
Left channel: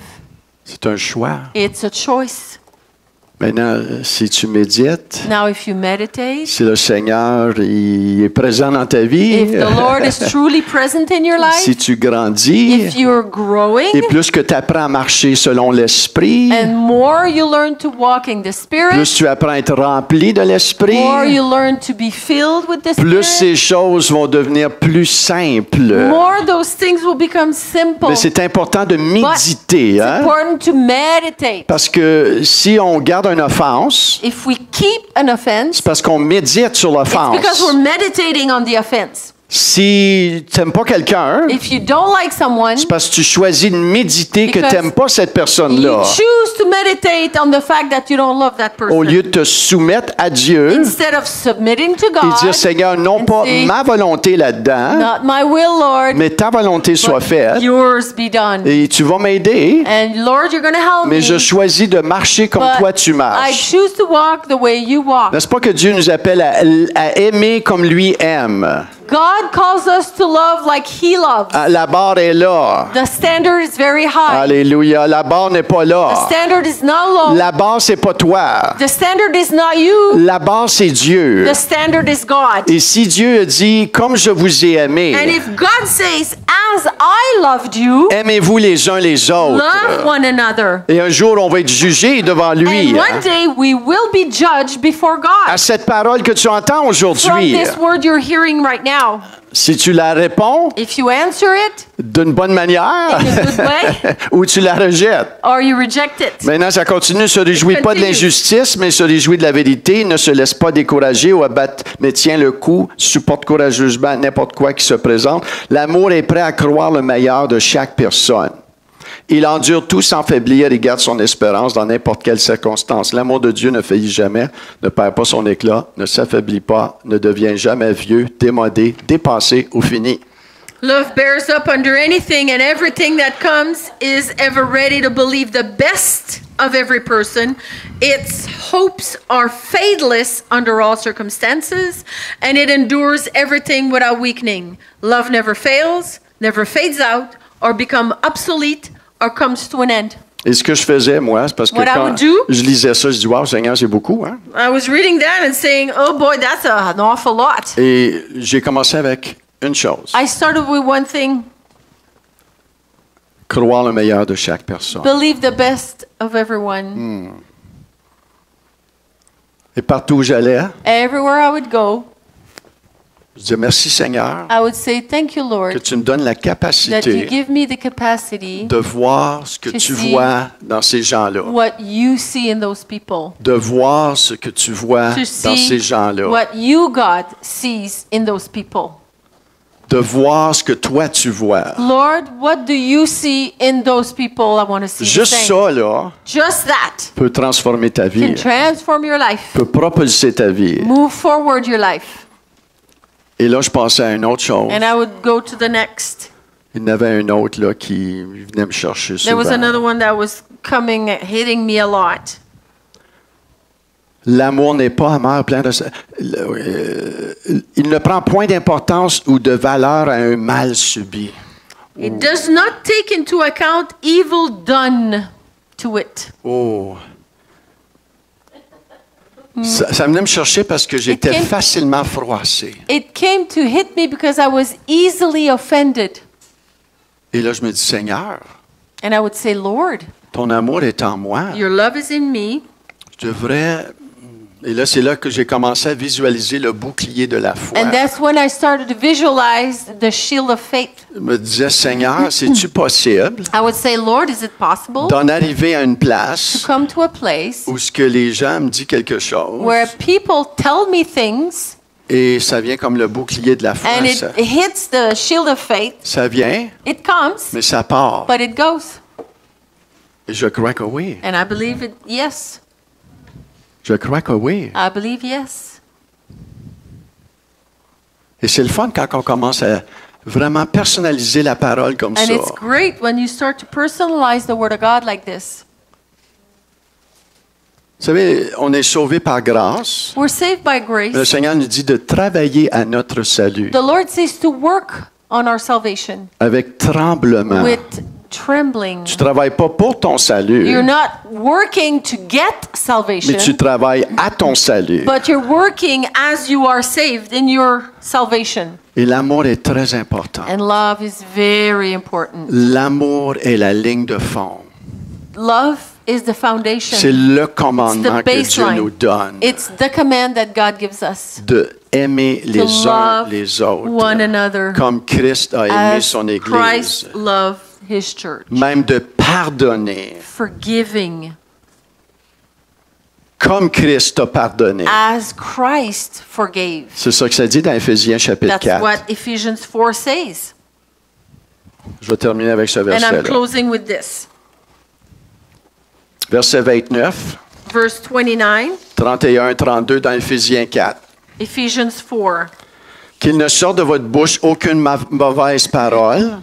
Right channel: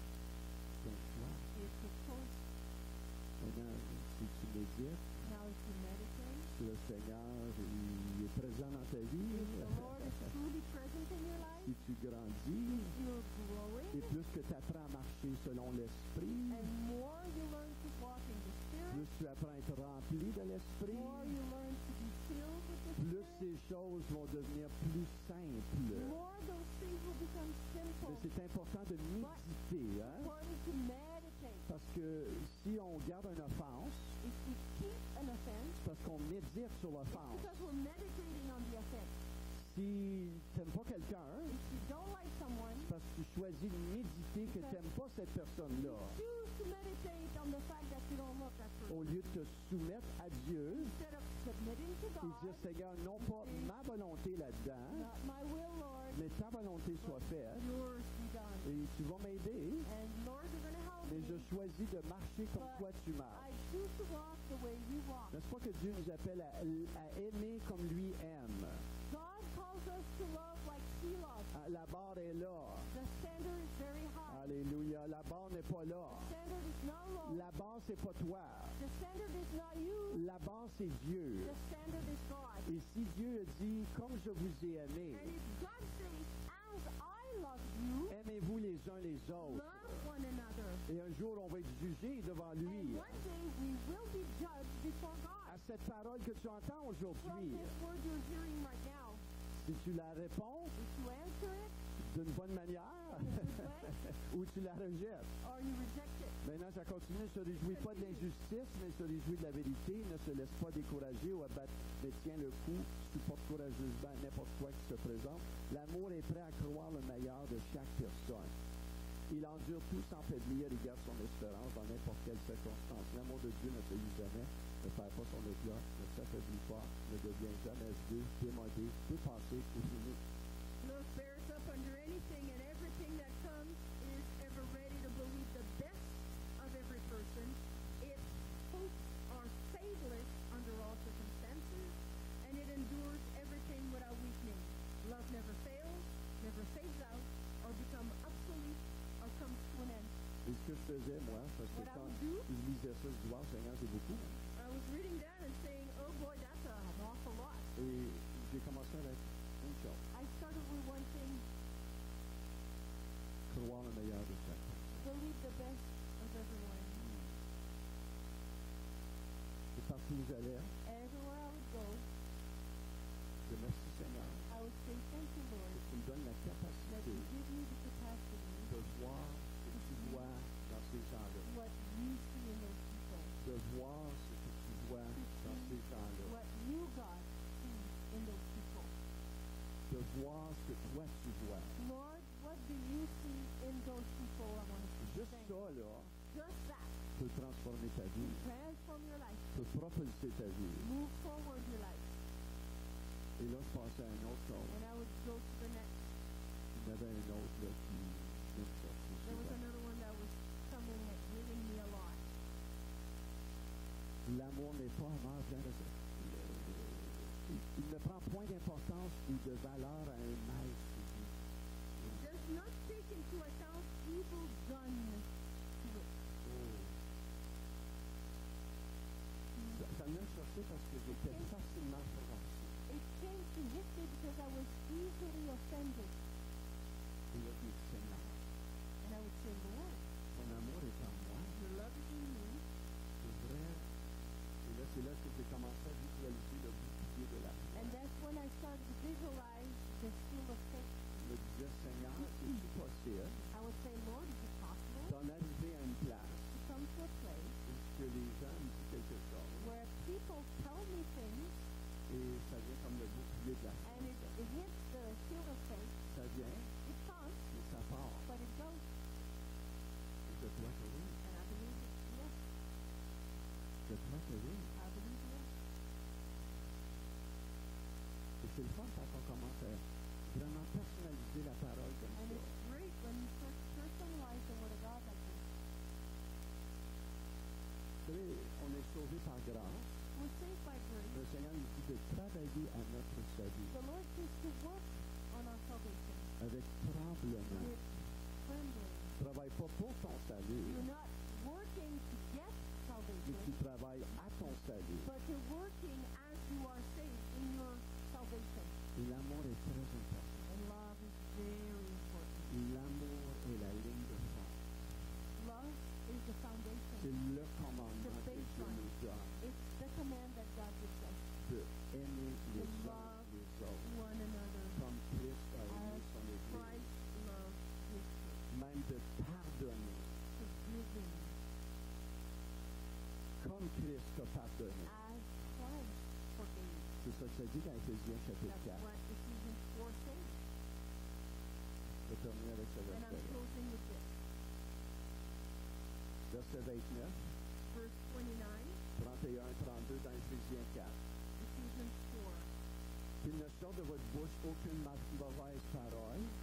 C'est un choix. It's a choice. Maintenant, si tu médites, Now, if you meditate, si le Seigneur il est présent dans ta vie, if the Lord is truly present in your life, si tu grandis, if you're growing, et plus que tu apprends à marcher selon l'Esprit, and more you learn to walk in the Spirit, plus tu apprends à être rempli de l'Esprit, more you learn to be filled with the plus Spirit, ces choses vont devenir plus simples. more those things will become simple. Mais c'est important de méditer, It's hein? important to meditate. Parce que si on garde une offense, If we keep an offense, c'est parce qu'on médite sur it's because l'offense. we're meditating on the offense. Si tu n'aimes pas quelqu'un, If you don't like someone, c'est parce que tu choisis de méditer que Because tu n'aimes pas cette you personne-là. choose to meditate on the fact that you don't love that person. Au lieu de te soumettre à Dieu Instead of submitting to et God, dire, Seigneur, non and pas say, ma volonté là-dedans, not my will, Lord, mais ta volonté soit but faite. yours be done. Et tu vas m'aider, And Lord, you're going to help mais me. je choisis de marcher comme but toi tu I marches. choose to walk the way you walk. N'est-ce pas que Dieu nous appelle à aimer comme lui aime? God calls us to love like He loves. Ah, la barre est là. The standard is very high. Alléluia. La barre n'est pas The là. standard is not low. La barre, c'est pas toi. The standard is not you. La barre, c'est Dieu. The standard is God. Et si Dieu a dit, comme je vous ai And aimé, if God says, as I loved you, aimez-vous les uns les love autres. one another. Et un jour, on va être jugé devant lui. And one day we will be judged before À God. cette parole que tu entends From aujourd'hui, this word you're hearing right now, si tu la réponds if you answer it d'une bonne manière in a good way, ou tu la rejettes. or you reject it. Maintenant, ça continue. Ne se réjouit pas de Continue. l'injustice, mais se réjouit de la vérité. Ne se laisse pas décourager ou abattre, mais tient le coup, supporte courageusement n'importe quoi qui se présente. L'amour est prêt à croire le meilleur de chaque personne. Il endure tout sans faiblir et garde son espérance dans n'importe quelle circonstance. L'amour de Dieu ne faillit jamais, ne perd pas son éclat, ne s'affaiblit pas, ne devient jamais vieux, démodé, dépassé ou fini. Love bears up under anything and everything that comes, is ever ready to believe the best of every person. Its hopes are fadeless under all circumstances, and it endures everything without weakening. Love never fails, never fades out, or become obsolete, or comes to an end. Et ce que je faisais, moi, c'est parce que What I quand would do- je lisais ça, je dis, wow, Seigneur, c'est beaucoup, hein? I was reading that and saying, oh boy, that's an awful lot. Et j'ai commencé avec une chose, I started with one thing, croire le meilleur de chaque personne. believe the best of everyone. Et partout où j'allais, Everywhere I would go, je disais, merci Seigneur, I would say, thank you, que Lord, tu me donnes la that you capacité give me the capacity de voir ce que to tu see vois dans ces gens-là. what you see in those people. De voir ce que tu vois To dans see ces gens-là. what you, God, sees in those people. De voir ce que toi tu vois. Lord, what do you see in those people? I want to see the Juste same. ça, là, Just that peut transformer ta vie, can transform your life. peut propulser ta vie. Move forward your life. Et là, je pensais à une autre chose. And I would go to the next. Il y en avait un autre là, qui venait me chercher There was souvent. another one that was coming, hitting me a lot. L'amour n'est pas amer, plein de... il ne prend point d'importance ou de valeur à un mal subi. It does not take into account evil done to it. Oh. Ça venait me chercher parce que j'étais came- facilement froissé. It came to hit me because I was easily offended. Et là, je me dis, Seigneur, And I would say, Lord, ton amour est en moi. your love is in me. Je devrais... Et là, c'est là que j'ai commencé à visualiser le bouclier de la foi. And that's when I started to visualize the shield of faith. Je me disais, Seigneur, c'est-tu possible I would say, Lord, is it possible d'en arriver à une to place come to a place où ce que les gens me disent quelque chose where people tell me things et ça vient comme le bouclier de la foi. and it hits the shield of faith? Ça vient, It comes, mais ça part. but it goes. Et je crois que oui. And I believe it, yes. Je crois que oui. I believe yes. Et c'est le fun quand on commence à vraiment personnaliser la parole comme And ça. it's great when you start to personalize the Word of God like this. Vous savez, on est sauvé par grâce. We're saved by Le grace. Seigneur nous dit de travailler à notre salut The Lord says to work on our salvation avec tremblement. with trembling. Tu travailles pas pour ton salut, You're not working to get mais salvation, tu travailles à ton salut. but you're working as you are saved in your salvation. Et l'amour est très important. And love is very important. L'amour est la ligne de fond. Love is the foundation. C'est le It's commandement the que Dieu baseline. nous donne It's the command that God gives us de aimer to les uns love les autres one another comme Christ a aimé as son Église. Christ loved His church. Même de pardonner Forgiving comme Christ a pardonné. as Christ forgave. C'est ça que ça dit dans Éphésiens chapitre That's 4. what Ephesians 4 says. Je vais terminer avec ce And I'm verset-là. closing with this. Verset 29, Verse 29, 31, 32 dans Éphésiens 4. Ephesians 4. Qu'il ne sorte de votre bouche aucune mauvaise parole,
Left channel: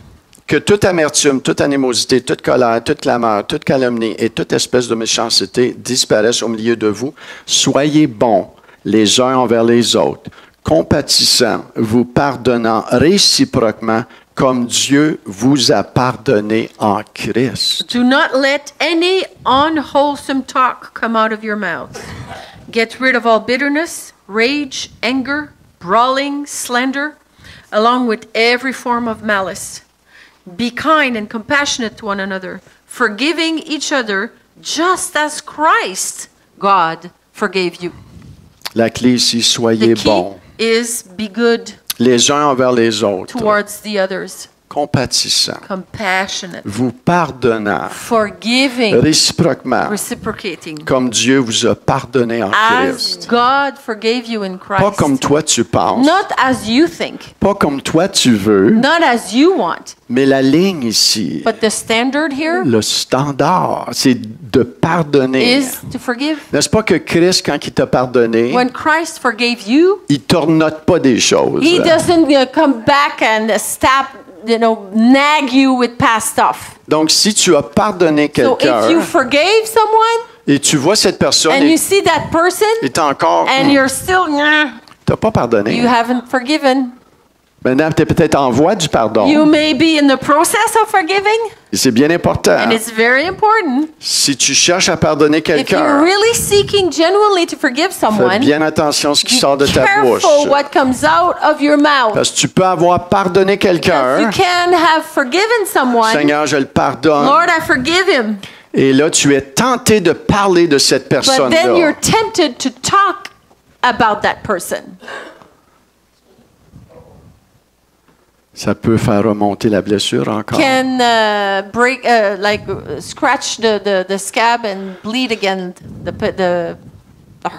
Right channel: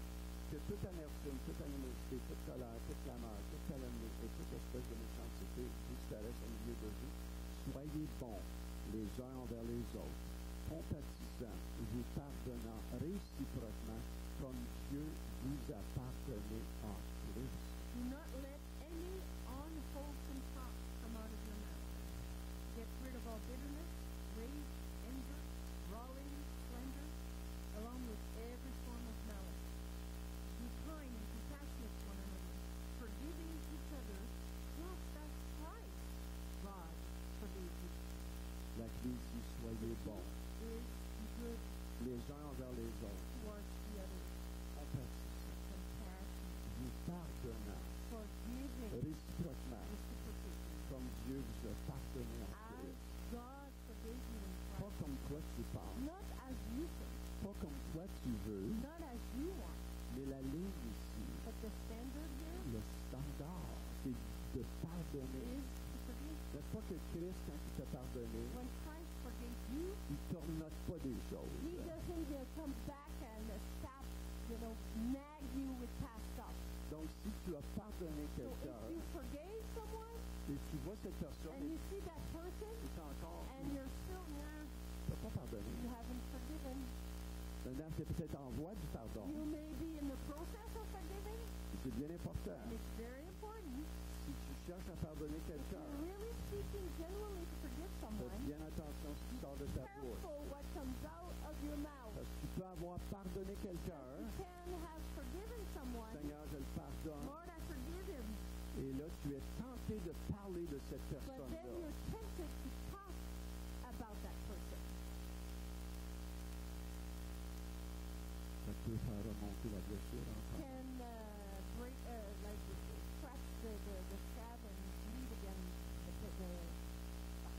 que toute amertume, toute animosité, toute colère, toute clameur, toute calomnie et toute espèce de méchanceté disparaissent au milieu de vous. Soyez bons les uns envers les autres, compatissants, vous pardonnant réciproquement comme Dieu vous a pardonné en Christ. Do not let any unwholesome talk come out of your mouth. Get rid of all bitterness, rage, anger, brawling, slander, along with every form of malice. Be kind and compassionate to one another, forgiving each other just as Christ, God, forgave you. La clé ici, The soyez key bons is be good les uns envers les autres, towards the others, compatissants, compassionate, vous pardonnant forgiving, réciproquement, reciprocating, comme Dieu vous a pardonné en as Christ. God forgave you in Pas Christ. comme toi tu penses, Not as you think, pas comme toi tu veux, not as you want, mais la ligne ici, but the standard here le standard, c'est de pardonner. is to forgive. N'est-ce pas que Christ, quand il t'a pardonné, When Christ forgave you, il ne tornote pas des choses. He doesn't come back and nag you with past stuff. Donc, si tu as pardonné So if you quelqu'un forgave someone et tu vois cette personne and you see that person est encore, and you're still, tu n'as pas pardonné. you haven't forgiven. Maintenant, tu es peut-être en voie du pardon. You may be in the process of forgiving, Et c'est bien important. and it's very important. Si tu cherches à pardonner If you're quelqu'un, really seeking genuinely to forgive fais someone, bien attention à ce qui be sort de ta bouche. careful what comes out of your mouth. Parce que tu peux avoir pardonné You quelqu'un. can have forgiven someone. Seigneur, je le pardonne. Lord, I forgive him. Et là, tu es tenté de parler de cette But then personne-là. you're tempted to talk about that person. Ça peut faire remonter la blessure encore. Can scratch the scab and bleed again the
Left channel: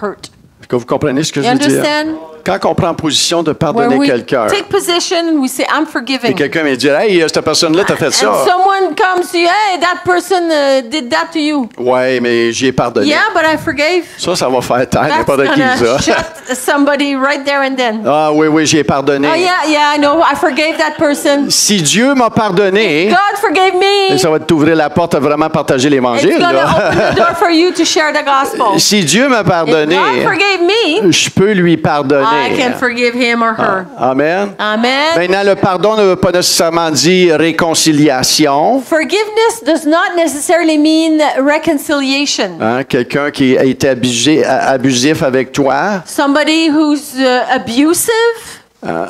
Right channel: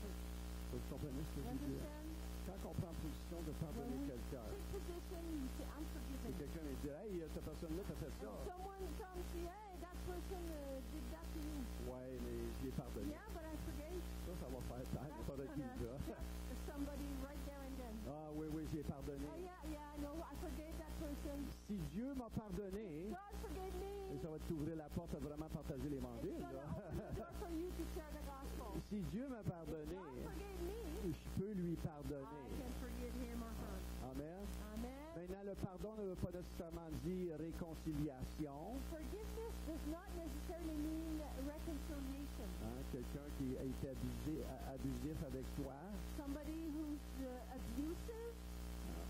hurt. Est-ce que vous comprenez ce que You je veux dire? understand? Quand on prend position de When pardonner we quelqu'un, take position and we say, I'm et forgiving. quelqu'un me dit, hey, cette personne-là t'a fait And ça. someone comes to you, hey, that person did that to you. Ouais, mais j'y ai pardonné. Yeah, but I forgave. Ça va faire taire That's n'importe qui, gonna ça. shut somebody right there and then. Ah oui, j'y ai pardonné. Oh yeah, I know, I forgave that person. Si Dieu m'a pardonné, God forgave me. ça va t'ouvrir la porte à vraiment partager It's l'Évangile. gonna là. open the door for you to share the gospel. Si Dieu m'a If pardonné, God forgave me, je peux lui I pardonner. can forgive him or her. Amen. Amen. Maintenant, le pardon ne veut pas nécessairement dire réconciliation. Forgiveness does not necessarily mean reconciliation. Hein, quelqu'un qui a été abusif avec toi, Somebody who's abusive,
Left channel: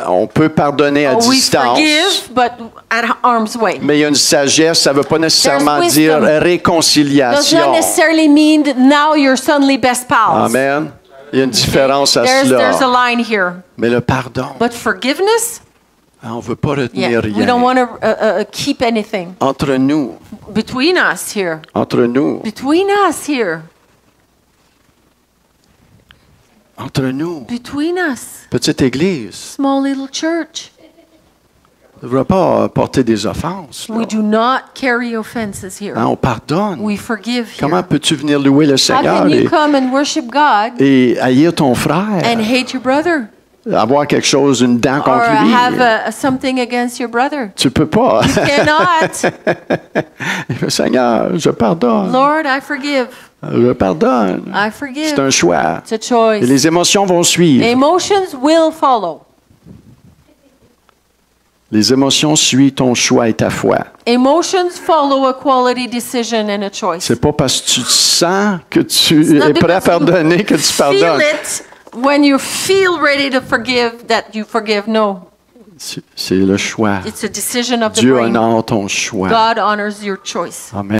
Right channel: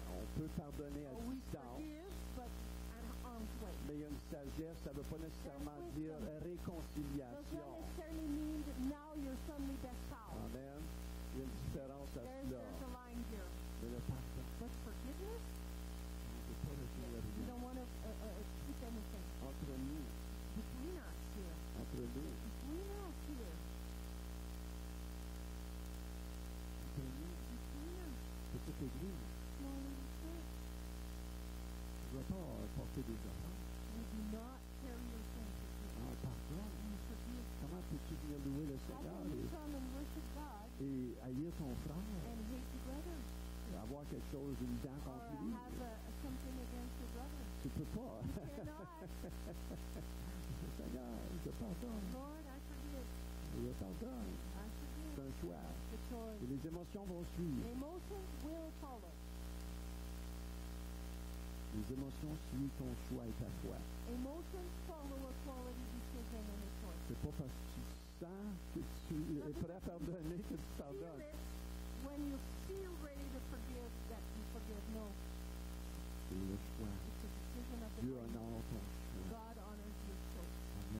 on peut pardonner à we distance. forgive, but at arm's way. Mais il y a une sagesse, ça ne veut pas nécessairement There's dire wisdom. Does réconciliation. not necessarily mean that now you're suddenly best pals. Amen. Il y a une différence à There's a cela. line here. Mais le pardon, But forgiveness, on ne veut pas retenir yeah, we don't rien. want to keep anything. Entre nous, Between us here. entre nous, Between us here. entre nous, Between us. petite église, Small little church. ne devrait pas porter des offenses. là. We do not carry offenses here. Hein, on pardonne. We forgive Comment here. peux-tu venir louer le How Seigneur can you come and worship God et haïr ton frère, and hate your brother? avoir quelque chose, une dent Or contre lui? have something against your brother? Tu peux pas. Cannot. Seigneur, je pardonne. Lord, I forgive. Je pardonne. I C'est forgive. un choix. It's a choice. Et les émotions vont suivre. Emotions will follow. Les émotions suivent ton choix et ta foi. Emotions follow a quality decision and a choice. C'est pas parce que tu sens que tu not es prêt à because you pardonner que tu Feel pardonnes. it when you feel ready to forgive that you forgive. No, C'est le choix. it's a decision of the Dieu brain. honore ton choix. God honors your choice. Amen.